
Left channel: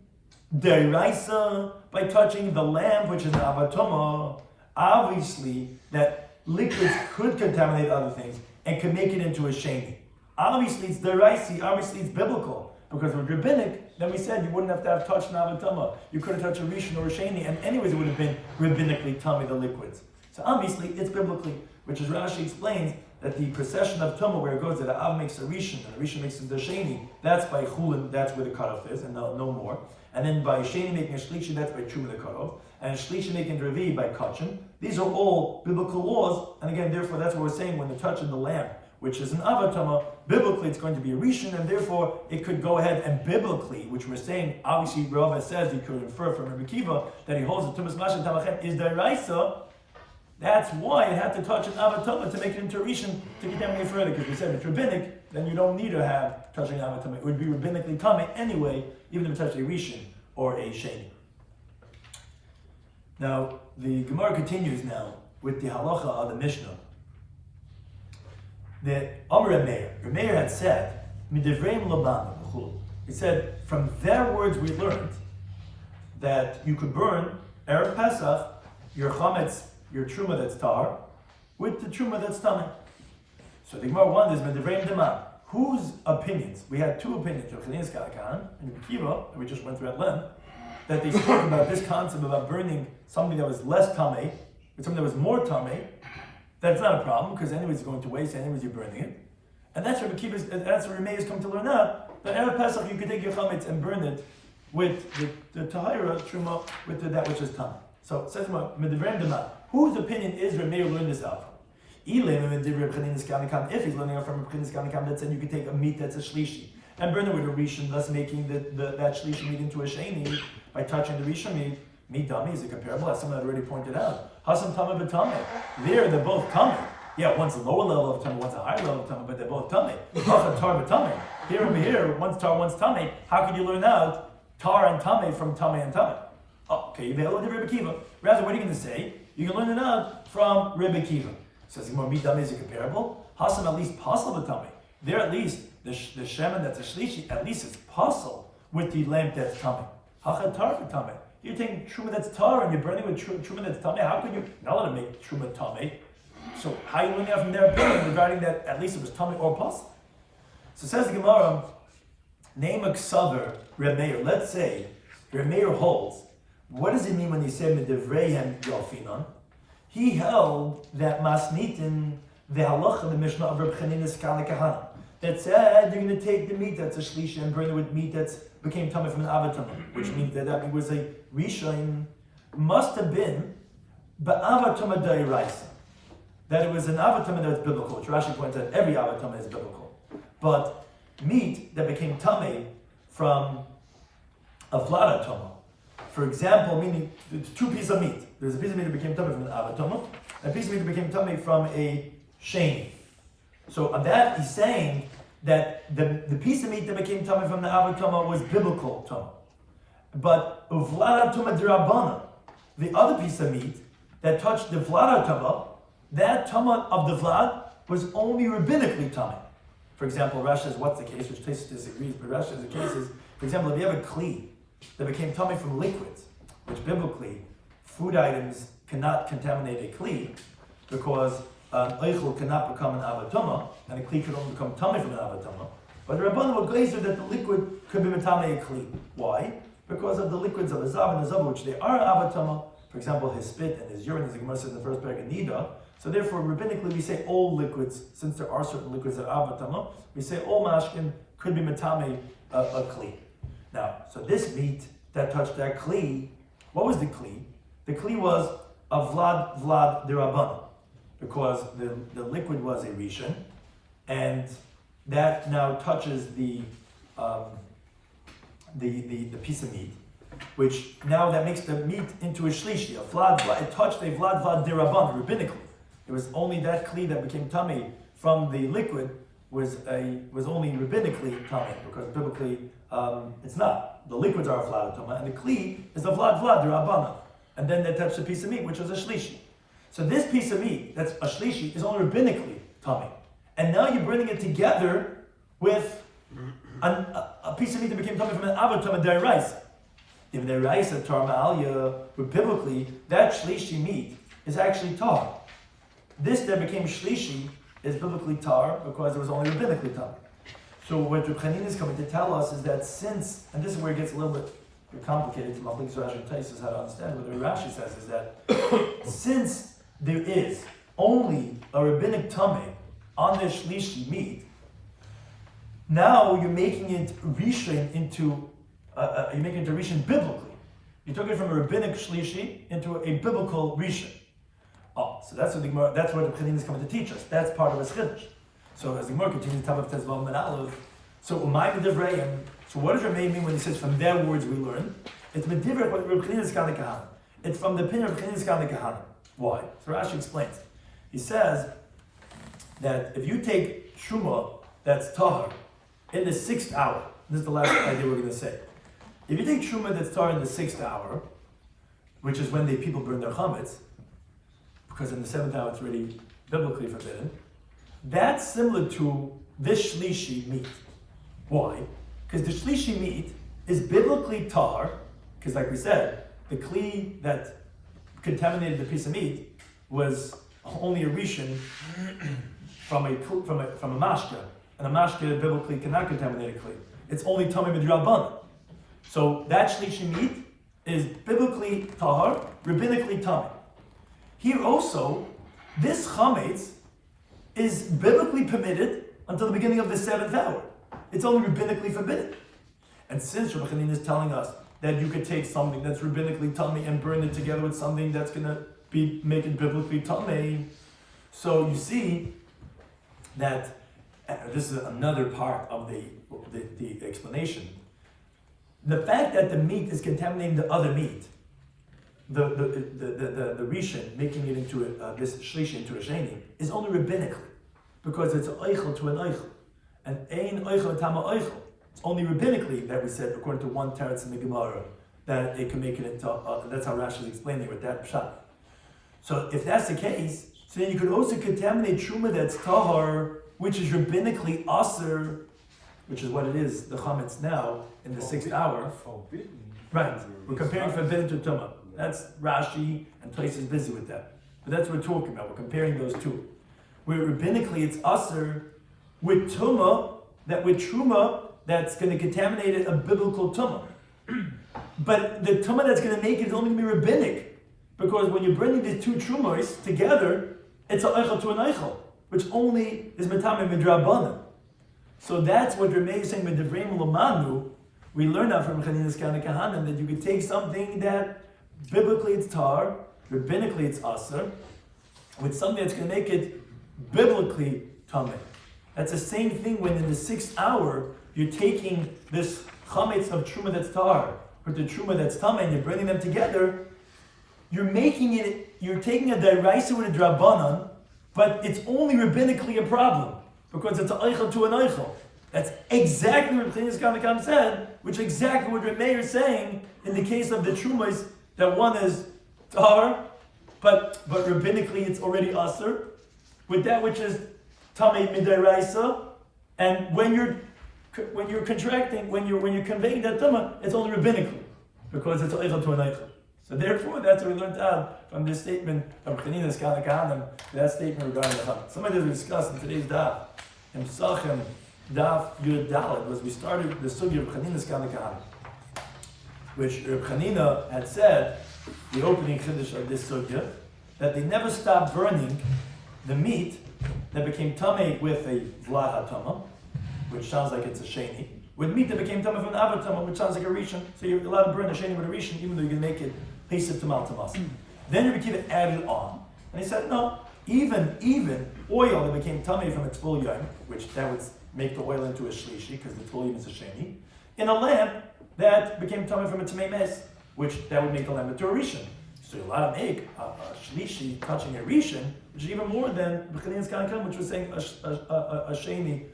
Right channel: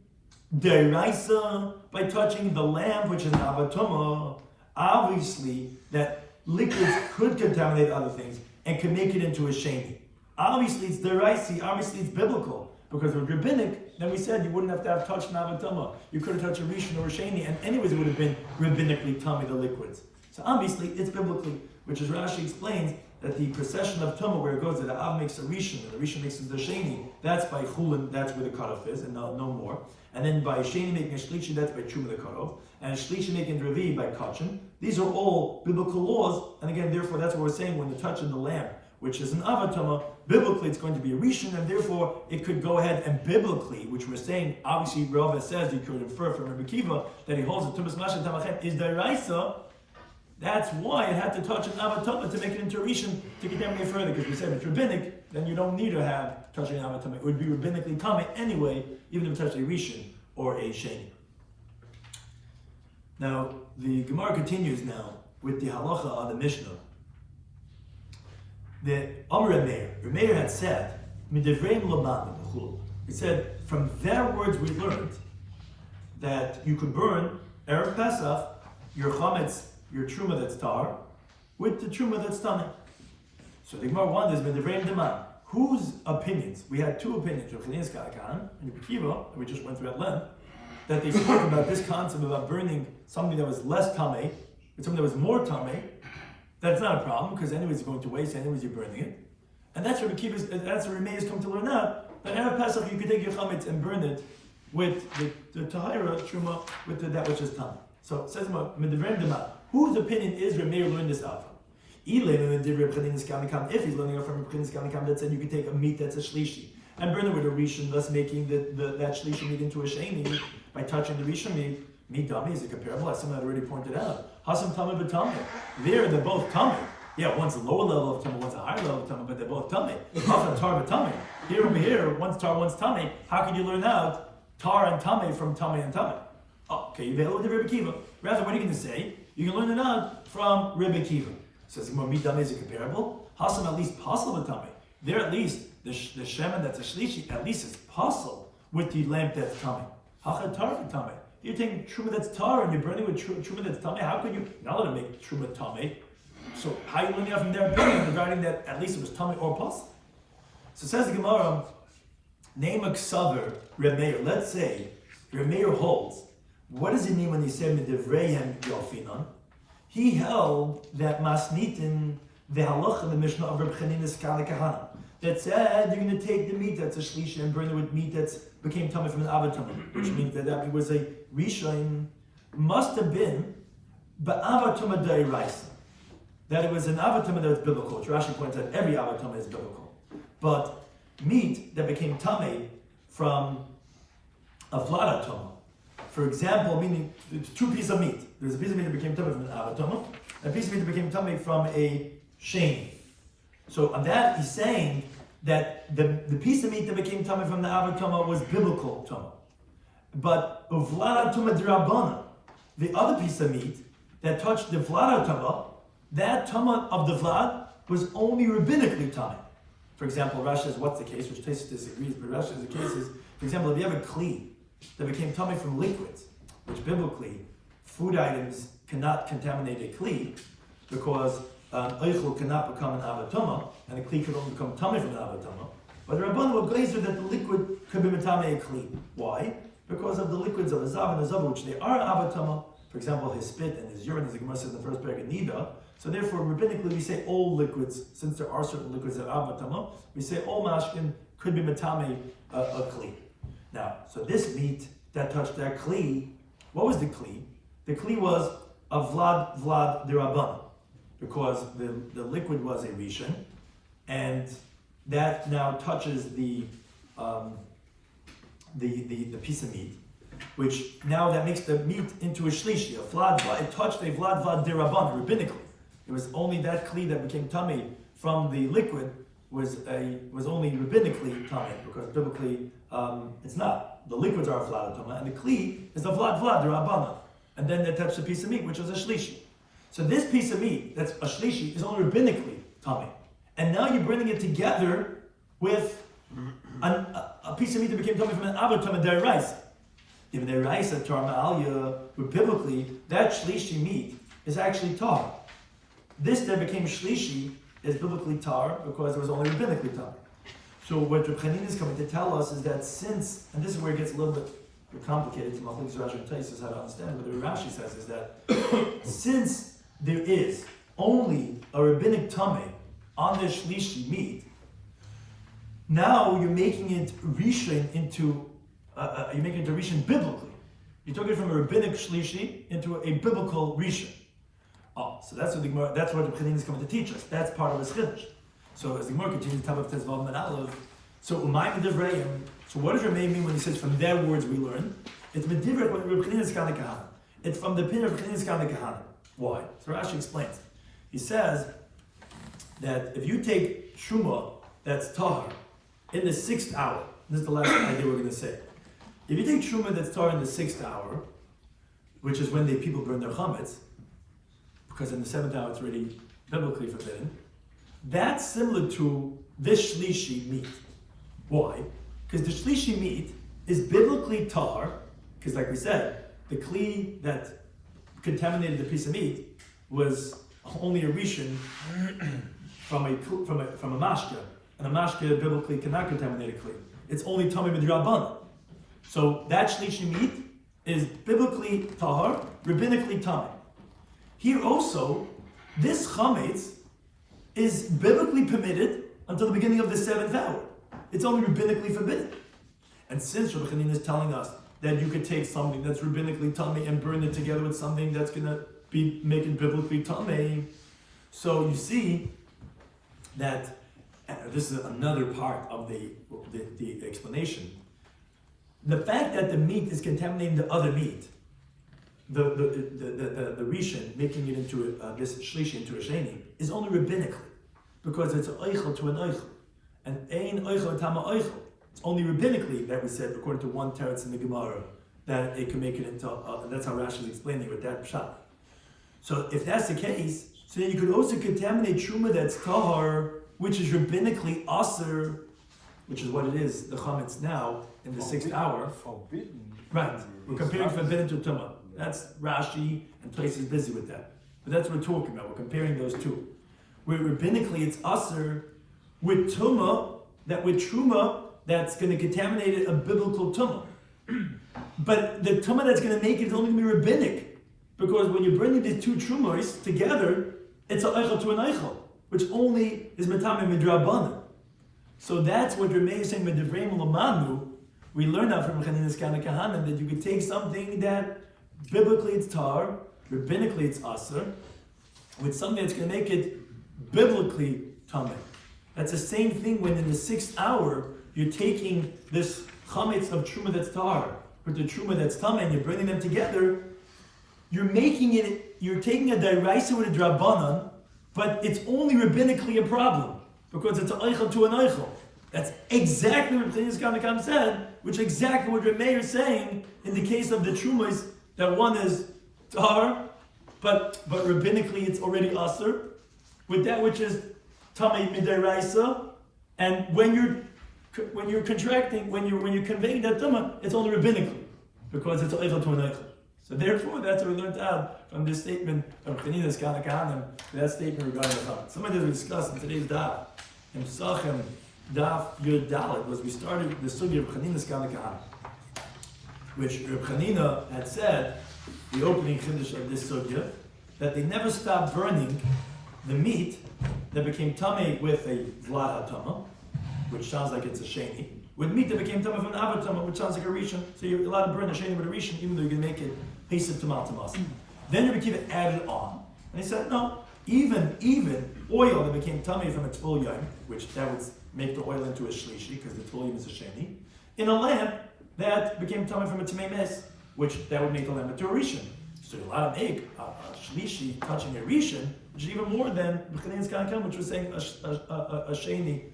deraisa by touching the lamp, which is an avatoma. Obviously, that liquids could contaminate other things and could make it into a sheni. Obviously, it's deraisi. Obviously, it's biblical, because with rabbinic, then we said you wouldn't have to have touched an avatoma. You could have touched a rishon or a sheni, and anyways, it would have been rabbinically tummy the liquids. So obviously, it's biblically, which is Rashi explains that the procession of Tumah, where it goes that the Av makes a Rishon, and the Rishon makes the Sheni, that's by Chulin, that's where the cutoff is, and no more. And then by Sheni making a Shlishi, that's by Truma the cutoff. And Shlishi making Revi by Kachim. These are all biblical laws, and again, therefore, that's what we're saying when the touch in the lamp, which is an Avatama, biblically it's going to be a Rishon, and therefore it could go ahead and biblically, which we're saying, obviously, Rava says you could infer from Rabbi Kiva that he holds that Tumas Masha Tamachem is Deraisa. That's why it had to touch an avatama to make it into a rishon to contaminate further, because we said it's rabbinic, then you don't need to have touching avatama. It would be rabbinically tummy anyway, even if it touched a rishon or a sheni. Now, the Gemara continues now with the halacha of the Mishnah. The Amr Meir had said, Midivreim Laban, he said, from their words we learned that you could burn Erev Pesach, your chametz, your truma that's tar, with the truma that's tamei. So the Gemara wonders, Medivreim Deman, whose opinions? We had two opinions, Rav Chanina Skalakan and Rabbi Kiva, that we just went through at length, that they spoke about this concept about burning something that was less tamei with something that was more tamei. That's not a problem, because anyways it's going to waste, anyways you're burning it. And that's what Rabbi Kiva, that's what Remeir has come to learn out, that Erev Pesach you could take your chametz and burn it with the tahira truma, with that which is tamei. So it says Medivreim Deman, whose opinion is Remeir learned this out from? If he's learning out from Rabbi Shloimy that said you could take a meat that's a shlishi and burn it with a rishon, thus making that shlishi meat into a sheni by touching the rishon meat dummy is a comparable, as someone had already pointed out. Hasam tamei b'tamei. There, they're both tamei. Yeah, one's a lower level of tamei, one's a higher level of tamei, but they're both tamei. Hasam tar b'tamei. Here over here, one's tar, one's tamei. How can you learn out tar and tamei from tamei and tamei? Oh, okay, you better look at Rabbi Kiva. Rather, what are you going to say? You can learn it out from Rabbi Kiva. Says more meat tamei is a comparable. Hasam at least possible with tamei. There at least the shemen that's a shlishi at least is possible with the lamp that's tamei. Hachat tar for tamei. You're taking truma that's tar and you're burning with truma that's tamei. How could you not let it make truma tamei? So how are you learning out from their opinion regarding that at least it was tamei or possible? So says the Gemara, name a ksaver Remeir. Let's say Remeir holds. What does it mean when he said medivreihem yofinon? He held that masmitin the halacha, the Mishnah of Rabbi Chanina Skalakan, that said you're going to take the meat that's a shlishi and burn it with meat that's became tamei from an avatama, which means that it was a rishon, must have been ba'avatama da'iraisa, that it was an avatama that's biblical, which Rashi points out every avatama is biblical, but meat that became tamei from a vladatama. For example, meaning it's two pieces of meat. There's a piece of meat that became tamei from an avatama, and a piece of meat that became tamei from a sheni. So on that, he's saying that the piece of meat that became tamei from the avatama was biblical tamei. But uvladatama d'Rabbana, the other piece of meat that touched the vladatama, that tama of the vlad was only rabbinically tamei. For example, Rashi says, what's the case? Which Tosfos disagrees, but Rashi says the case is, for example, if you have a kli that became tamei from liquids, which biblically, food items cannot contaminate a kli, because eichel cannot become an avatama, and a kli could only become tamei from an avatama. But the Rabbanan were glazer that the liquid could be metamei a kli. Why? Because of the liquids of the zav and the zav, which they are avatama. For example, his spit and his urine, as the Gemara says in the first paragraph, nida. So therefore, rabbinically, we say all liquids, since there are certain liquids that are avatama, we say all mashkin could be metamei a kli. Now, so this meat that touched that kli, what was the kli? The kli was a vlad d'Rabbanan, because the liquid was a rishon, and that now touches the piece of meat, which now that makes the meat into a shlishi, a vlad. It touched a vlad d'Rabbanan rabbinically. It was only that kli that became tamei from the liquid was only rabbinically tamei, because biblically it's not. The liquids are a vlad tamei, and the kli is the vlad d'Rabbanan, and then they touched the piece of meat, which was a shlishi. So this piece of meat that's a shlishi is only rabbinically tamei, and now you're bringing it together with a piece of meat that became tamei from an avatama da'iraisa. In the da'iraisa tar ma'alya, but biblically that shlishi meat is actually tar. This that became shlishi is biblically tar because it was only rabbinically tar. So what Rabbi Chanina is coming to tell us is that since, and this is where it gets a little bit complicated from Rashi and Tosfos how to understand, but the Rashi says is that since there is only a rabbinic tamei on the shlishi meat, now you're making it rishon into rishon biblically. You took it from a rabbinic shlishi into a biblical rishon. Oh, so that's what the Chanina is coming to teach us. That's part of his chiddush. So as the Gemara continues, top of Tezvav and Aleph. So umayim medivreihem. So what does Remeir mean when he says from their words we learn? It's medivrei what Rabbi Chanina Skalakan. It's from the opinion of Rabbi Chanina Skalakan. Why? So Rashi explains. He says that if you take truma that's tahar in the 6th hour, this is the last idea we're going to say. If you take truma that's tahar in the 6th hour, which is when people burn their chametz, because in the 7th hour it's already biblically forbidden, that's similar to this shlishi meat. Why? Because the shlishi meat is biblically tar, Because like we said, the kli that contaminated the piece of meat was only a rishon from a mashka, and a mashka biblically cannot contaminate a kli. It's only tamei b'drabbanan. So that shlishi meat is biblically tahar, rabbinically tamei. Here also, this chametz is biblically permitted until the beginning of the 7th hour. It's only rabbinically forbidden. And since Rabbi Chanina is telling us that you could take something that's rabbinically tamei and burn it together with something that's going to make it biblically tamei, so you see that this is another part of the explanation. The fact that the meat is contaminating the other meat, the rishon, making it into this shlishi into a sheni, is only rabbinically, because it's an eichel to an eichel, and ein eichel tama eichel. It's only rabbinically that we said, according to one teretz in the Gemara, that it can make it into. That's how Rashi is explaining it with that pshat. So if that's the case, so then you could also contaminate truma that's tahar, which is rabbinically aser, which is what it is, the chametz now in the 6th hour. Forbidden. Right. We're comparing forbidden to tumah. That's Rashi, and Tais is busy with that. But that's what we're talking about. We're comparing those two. Where rabbinically it's aser with tumah, that with truma that's going to contaminate a biblical tumah. But the tumah that's going to make it is only going to be rabbinic, because when you're bringing these two trumas together, it's an eichel to an eichel, which only is metamei midrabanan. So that's what Ramey is saying with Devrei Lamanu. We learn that from Chanina's Kana Kahanim, that you could take something that biblically it's tar, rabbinically it's aser, with something that's going to make it biblically tamei. That's the same thing when in the 6th hour you're taking this chametz of truma that's tar with the truma that's tamei, and you're bringing them together. You're making it. You're taking a deraisa with a drabanan, but it's only rabbinically a problem because it's an eichel to an eichel. That's exactly what Pesachim Daf said, which is exactly what Ramey is saying in the case of the trumas, that one is tar, but rabbinically it's already aser, with that which is tamei midaraisa, and when you're contracting, when you're conveying that tama, it's only rabbinically, because it's eichel to an eichel. So therefore, that's what we learned out from this statement from Chanina's Kana Kahanim, that statement regarding the chametz. Somebody that we discussed in today's Daf, in Pesachim Daf Yud was we started the sugya of Chanina's Kana Kahanim, which Rabbi Chanina had said, the opening chiddush of this sugya, that they never stopped burning the meat that became tamei with a vlad hatama, which sounds like it's a sheni, with meat that became tamei from an avatama, which sounds like a rishon. So you're allowed to burn a sheni with a rishon, even though you can make it pesach tamal tamas. Then Rabbi Kiva added on, and he said, no, even oil that became tamei from a tful yom, which that would make the oil into a shlishi, because the tful yom is a sheni, in a lamp that became tamei from a tamei mes, which that would make the lamp into a rishon. So you're allowed to make a shlishi touching a rishon, which is even more than B'chanin's Kankan, which was saying a sheni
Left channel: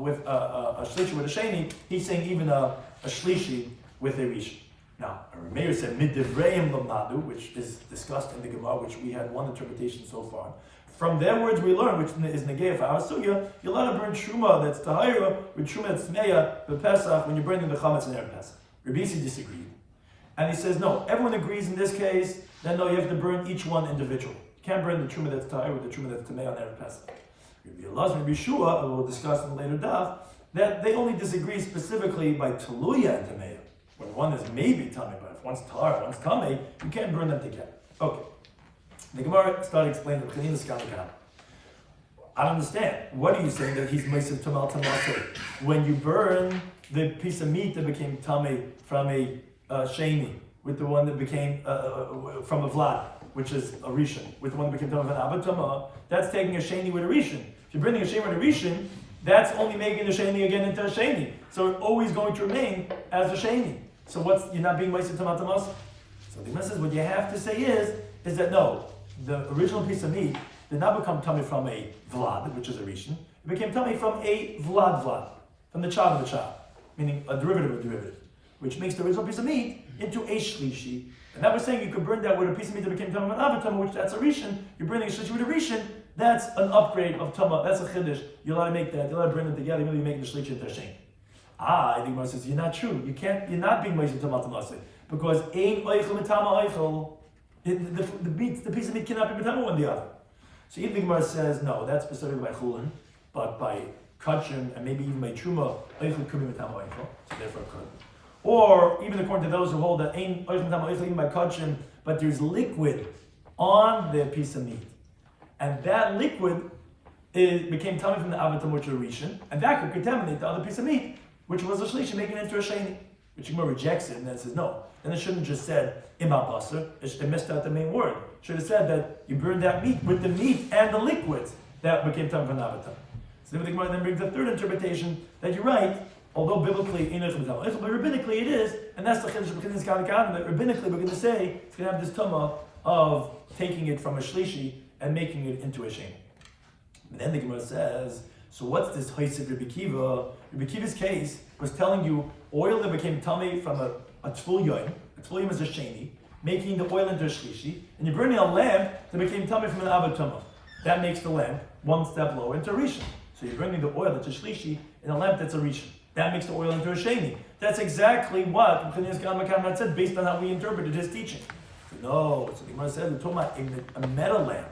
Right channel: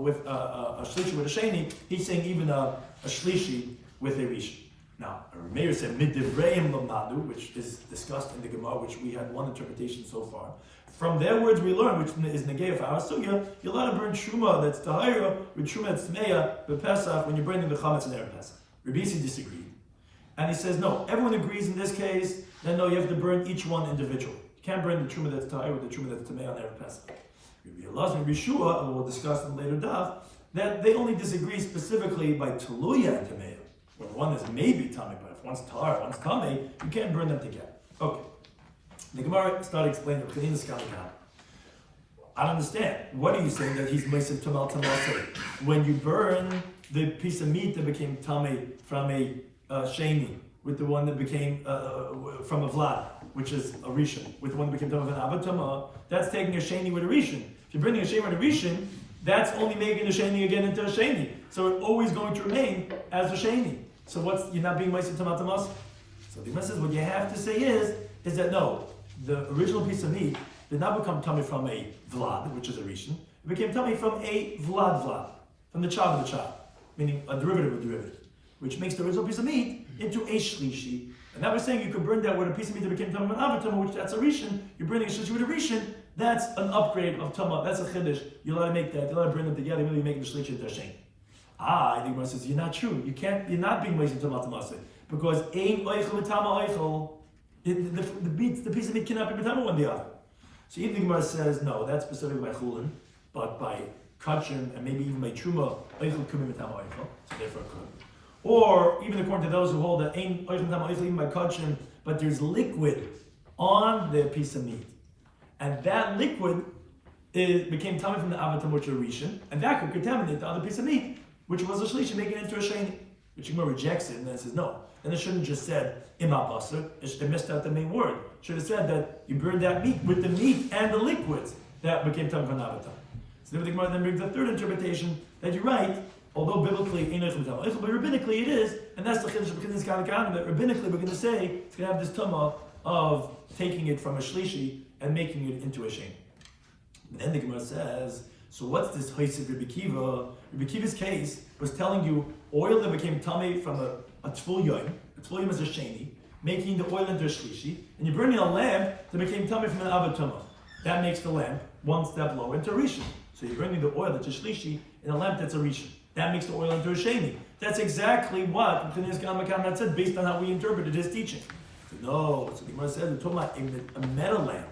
with a shlishi with a sheni. He's saying even a shlishi with a rishon. Now, Meir said midivreim lamadu, which is discussed in the Gemara, which we had one interpretation so far. From their words we learn, which is negei for our sugya, you're allowed to burn truma that's tahira with truma that's tmeya b'Pesach when you're burning the chametz in erev Pesach. Rabbi Yisi disagreed. And he says, no, everyone agrees in this case, then no, you have to burn each one individually. You can't burn the truma that's tahir with the truma that's tamei on erev Pesach. Rabbi Elazar and Rabbi Shua, we'll discuss in later daf, that they only disagree specifically by teluya and tamei. When one is maybe tamei, but if one's tahir, one's tamei, you can't burn them together. Okay. The Gemara started explaining the Chanina's Kankan. I don't understand. What are you saying that he's meisav tamal tamasei? When you burn the piece of meat that became tamei from a sheni, with the one that became from a vlad, which is a rishon, with the one that became tamei from an abatama, that's taking a sheni with a rishon. If you're bringing a sheni with a rishon, that's only making the sheni again into a sheni. So it's always going to remain as a sheni. So you're not being meisav tamal tamasei? So the Gemara says what you have to say is that no, the original piece of meat did not become tummy from a vlad, which is a rishon. It became tummy from a vlad, from the child of the child, meaning a derivative of derivative, which makes the original piece of meat into a shlishi. And that was saying you could burn that with a piece of meat that became tummy from an avatama, which that's a rishon. You're burning a shlishi with a rishon. That's an upgrade of tama. That's a chiddush. You're allowed to make that. You're allowed to bring them together. You're making the shlishi into a sheni. The Gemara says you're not true. You're not being meisav tamal tamasei, because ein oichel mitama oichel, the piece of meat cannot be mitama one the other. So even the Gemara says, no, that's specifically by chulin, but by kachim and maybe even by truma, oichel could be mitama oichel, so therefore it could. Or even according to those who hold that ein oichel mitama oichel even by kachim, but there's liquid on the piece of meat, and that liquid became tummy from the avatam which are rishon, and that could contaminate the other piece of meat, which was a shlishi, making it into a sheni. Which Gemara rejects it and then says no. Then it shouldn't just said ima basar. It missed out the main word. It should have said that you burned that meat with the meat and the liquids that became tummy from the avatam. So then the Gemara then brings the third interpretation that you're right, although biblically but rabbinically it is, and that's the chiddush of B'chinas Kanakanim, that rabbinically we're going to say it's going to have this tumah of taking it from a shlishi and making it into a sheni. And then the Gemara says, so what's this Haisik Rabbi Kiva? Rabbi Kiva's case was telling you oil that became tummy from a tful yom. A tful yom is a sheni, making the oil into a shlishi, and you're burning a lamp that became tummy from an avatama. That makes the lamp one step lower into a rishon. So you're burning the oil that's a shlishi in a lamp that's a rishon. That makes the oil into a sheni. That's exactly what that said based on how we interpreted his teaching. So no, so the Gemara says we're talking about a metal lamp.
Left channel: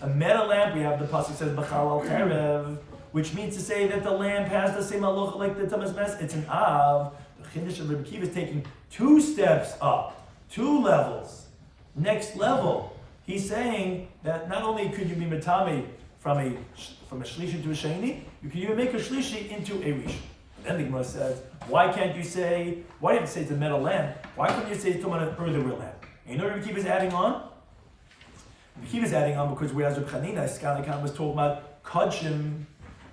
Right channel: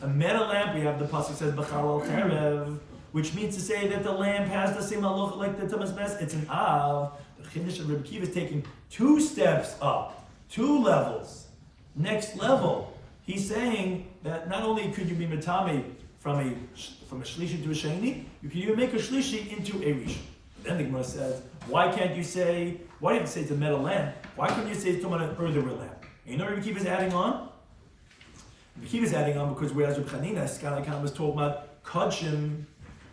A metal lamp, we have the pasuk says b'chal al cherev, which means to say that the lamp has the same halacha like the tamas mes. It's an av. The chiddush of Rabbi Kiva is taking 2 steps up, 2 levels. Next level, he's saying that not only could you be matami from a shlishi to a sheni, you can even make a shlishi into a rishon. Then the Gemara says, why can't you say? Why do you have to say it's a metal lamp? Why couldn't you say it's an earthenware lamp? And you know what Rabbi Kiva is adding on? Rabbi Kiva is adding on because whereas Rabbi Chanina Skalikan was told about kodshim,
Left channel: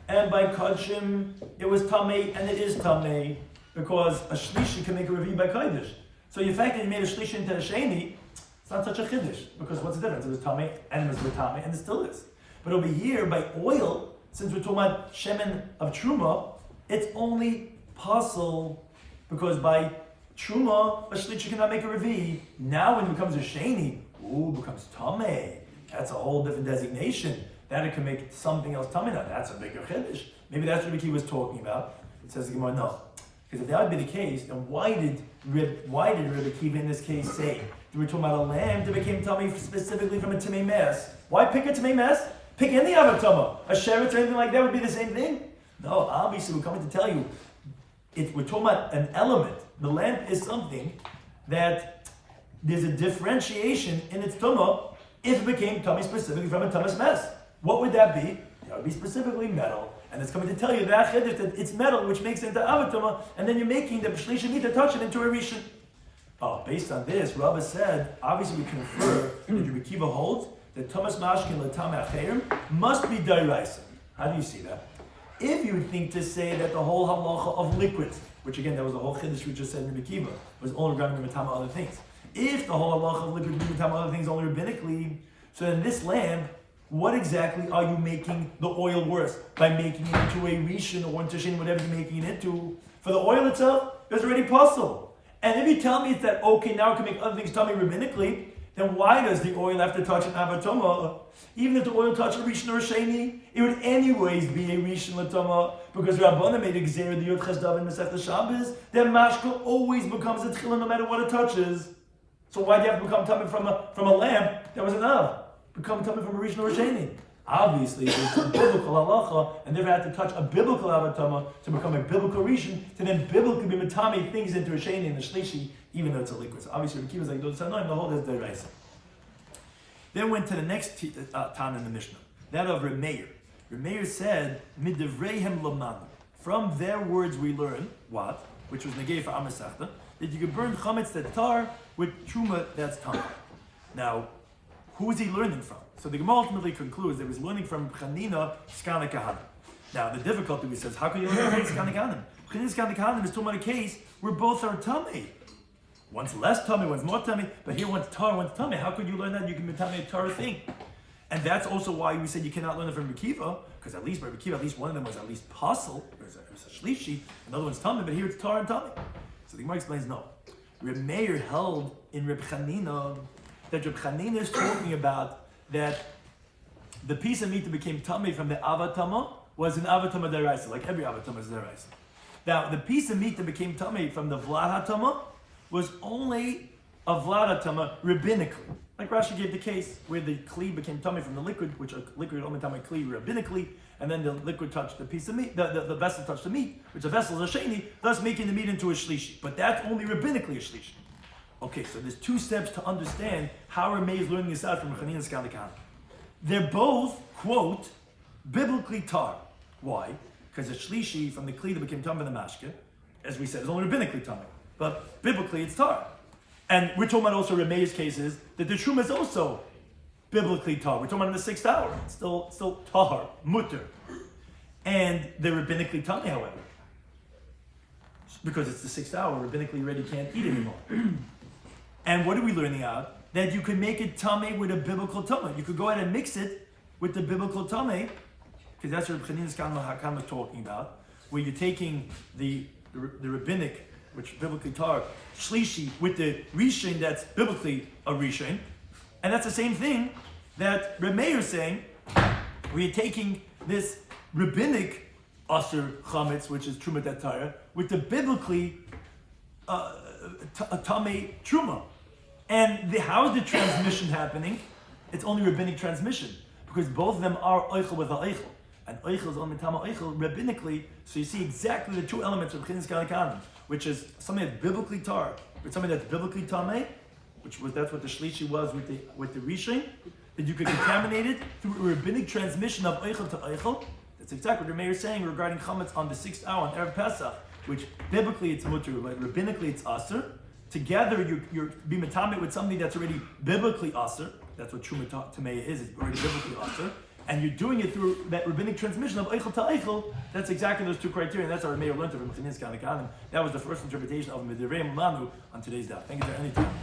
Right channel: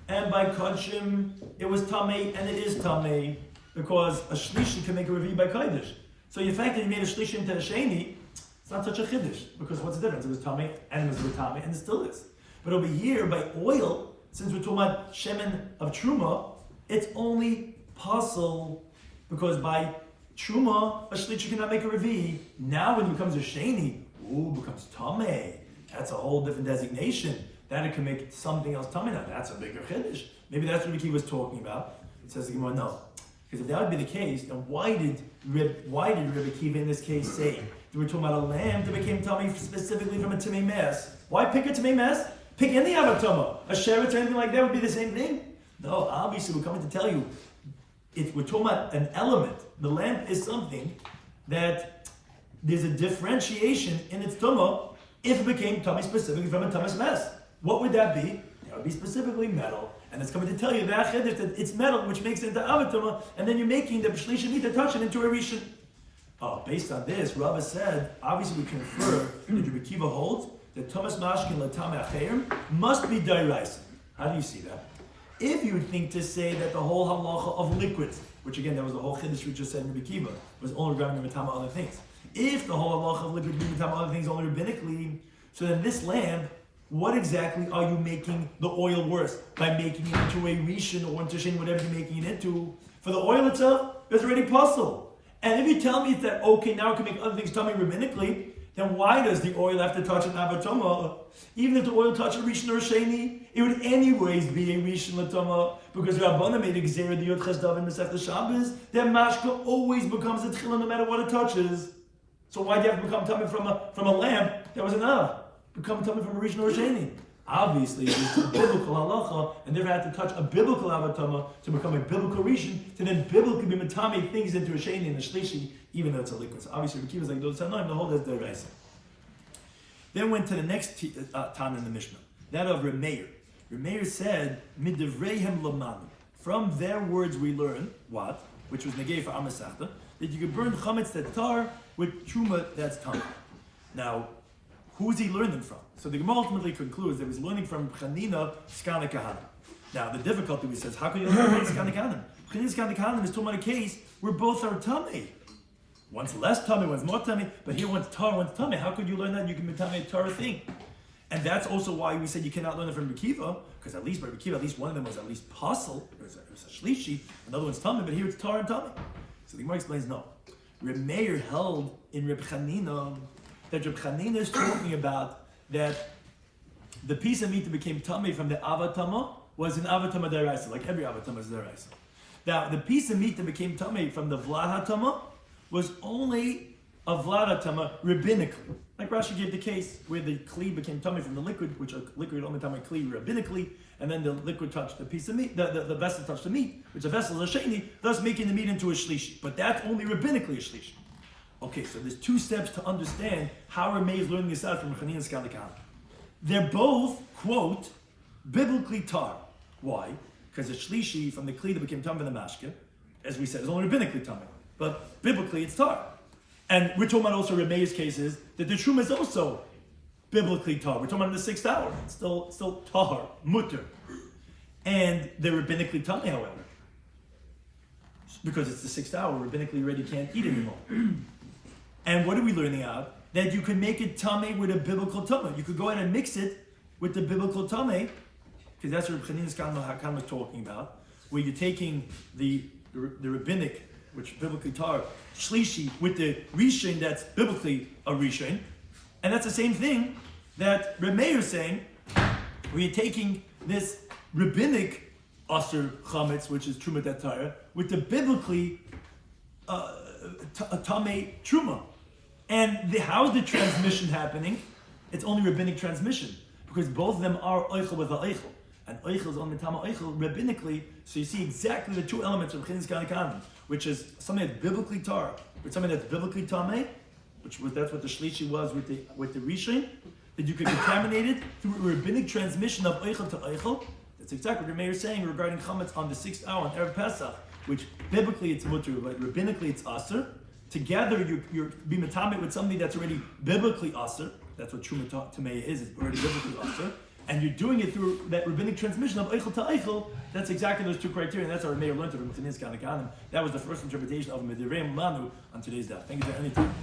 and by kodshim it was tamei and it is tamei because a shlishi can make a revi by kodesh. So the fact that you made a shlishi into a sheni, it's not such a chiddush because what's the difference? It was tamei and it was tamei and it still is. But over here by oil, since we're talking about shemen of truma, it's only puzzle because by truma a shlishi cannot make a revi. Now when it becomes a sheni, it becomes tamei. That's a whole different designation. That it can make something else tamei. Now that's a bigger chiddush. Maybe that's what Rabbi Kiva was talking about. It says the Gemara no, because if that would be the case, then why did Rabbi Kiva in this case say that we're talking about a lamb that became tamei specifically from a tamei mess? Why pick a tamei mess? Pick any avatama, a sheretz or anything like that would be the same thing. No, obviously we're coming to tell you, we're talking about an element. The lamp is something that there's a differentiation in its tumah if it became tummy specifically from a tumas mess. What would that be? That would be specifically metal. And it's coming to tell you that it's metal which makes it into avatama, and then you're making the shlishi need to touch it into a rishon. Oh, based on this, Rabbi said, obviously we confer that Rabbi Kiva holds that tumas mashkin l'tamei acherim must be deraisa. How do you see that? If you think to say that the whole halacha of liquids, which again, that was the whole chiddush we just said in Rabbi Kiva, was only regarding the matama other things. If the whole halacha of liquids be matama other things only rabbinically, so in this lamp, what exactly are you making the oil worse? By making it into a rishon or into shin, whatever you're making it into. For the oil itself, there's already puzzle. And if you tell me that, okay, now it can make other things tummy rabbinically, then why does the oil have to touch an avatoma? Even if the oil touched a rishon or a sheni, it would anyways be a rishon l'tama, because Rabbana made a gzera the Yod Ches Dav in Masechta Shabbos that mashka always becomes a tchila no matter what it touches. So why do you have to become tummy from a lamp that was enough? Become tummy from a rishon or a sheni. Obviously, there's a biblical halacha, and they've had to touch a biblical avatama to become a biblical rishon, to then biblically be matami things into a sheni and a shlishi, even though it's a liquid. So obviously, the Kiva is like those sanoim, the whole is deraisa. Then went to the next Tan in the Mishnah, that of Reb Meir. Reb Meir said, "Midivreihem lamanu." From their words we learn what, which was negei for Amasachta, that you could burn chametz that tar with truma that's tar. Now, who is he learning from? So the Gemara ultimately concludes that he was learning from Chanina Skana Kahanim. Now the difficulty we says, how can you learn from Skana Kahanim? Chanina Skana Kahanim is talking about a case where both are tummy. One's less tummy, one's more tummy, but here one's tar, one's tummy. How could you learn that? You can be tummy a tar thing. And that's also why we said you cannot learn it from Rabbi Kiva, because at least by Rabbi Kiva, at least one of them was at least pasul, or it was a shlishi, another one's tummy, but here it's tar and tummy. So the Gemara explains no. Reb Meir held in Reb Chanina that Reb Chanina is talking about that the piece of meat that became tummy from the avatama was an avatama deraisa, like every avatama is deraisa. Now, the piece of meat that became tummy from the vlad hatama was only a vlada tama rabbinically. Like Rashi gave the case where the kli became tummy from the liquid, which a liquid only tummy kli rabbinically, and then the liquid touched the piece of meat, the vessel touched the meat, which the vessel is a sheni, thus making the meat into a shlishi. But that's only rabbinically a shlishi. Okay, so there's two steps to understand how Rameh is learning this out from Chanina Skalikan. They're both, quote, biblically tar. Why? Because the shlishi from the kli that became tummy in the mashke, as we said, is only rabbinically tummy. But biblically it's tar. And we're talking about also Rameh's cases that the truma is also biblically tar. We're talking about in the 6th hour. It's still tar, mutter. And they're rabbinically tummy, however. Because it's the 6th hour, rabbinically you already can't eat anymore. And what are we learning out? That you can make it tummy with a biblical tummy. You could go ahead and mix it with the biblical tummy, because that's what Chanina's Hakam is talking about, where you're taking the rabbinic, which biblically tar, shlishi, with the rishon that's biblically a rishon. And that's the same thing that Rameh is saying, where you're taking this rabbinic aser chametz, which is truma datara, with the biblically tamei truma. And how is the transmission happening? It's only rabbinic transmission, because both of them are oichel with eichel. And oichel is only tama oichel rabbinically, so you see exactly the two elements of Chinas Kanikanim, which is something that's biblically tar, with something that's biblically tamei, that's what the shlishi was with the rishon, that you could contaminate it through a rabbinic transmission of eichel to eichel. That's exactly what the mayor is saying regarding chametz on the 6th hour on Erev Pesach, which biblically it's mutter, but rabbinically it's aser. Together you're being matamit with something that's already biblically aser. That's what truma tamei is. It's already biblically aser. And you're doing it through that rabbinic transmission of eichel to eichel. That's exactly those two criteria. And that's our mayor learned from Chinas Kanikanim. That was the first interpretation of Midirei Manu on today's daf. Thank you for anything.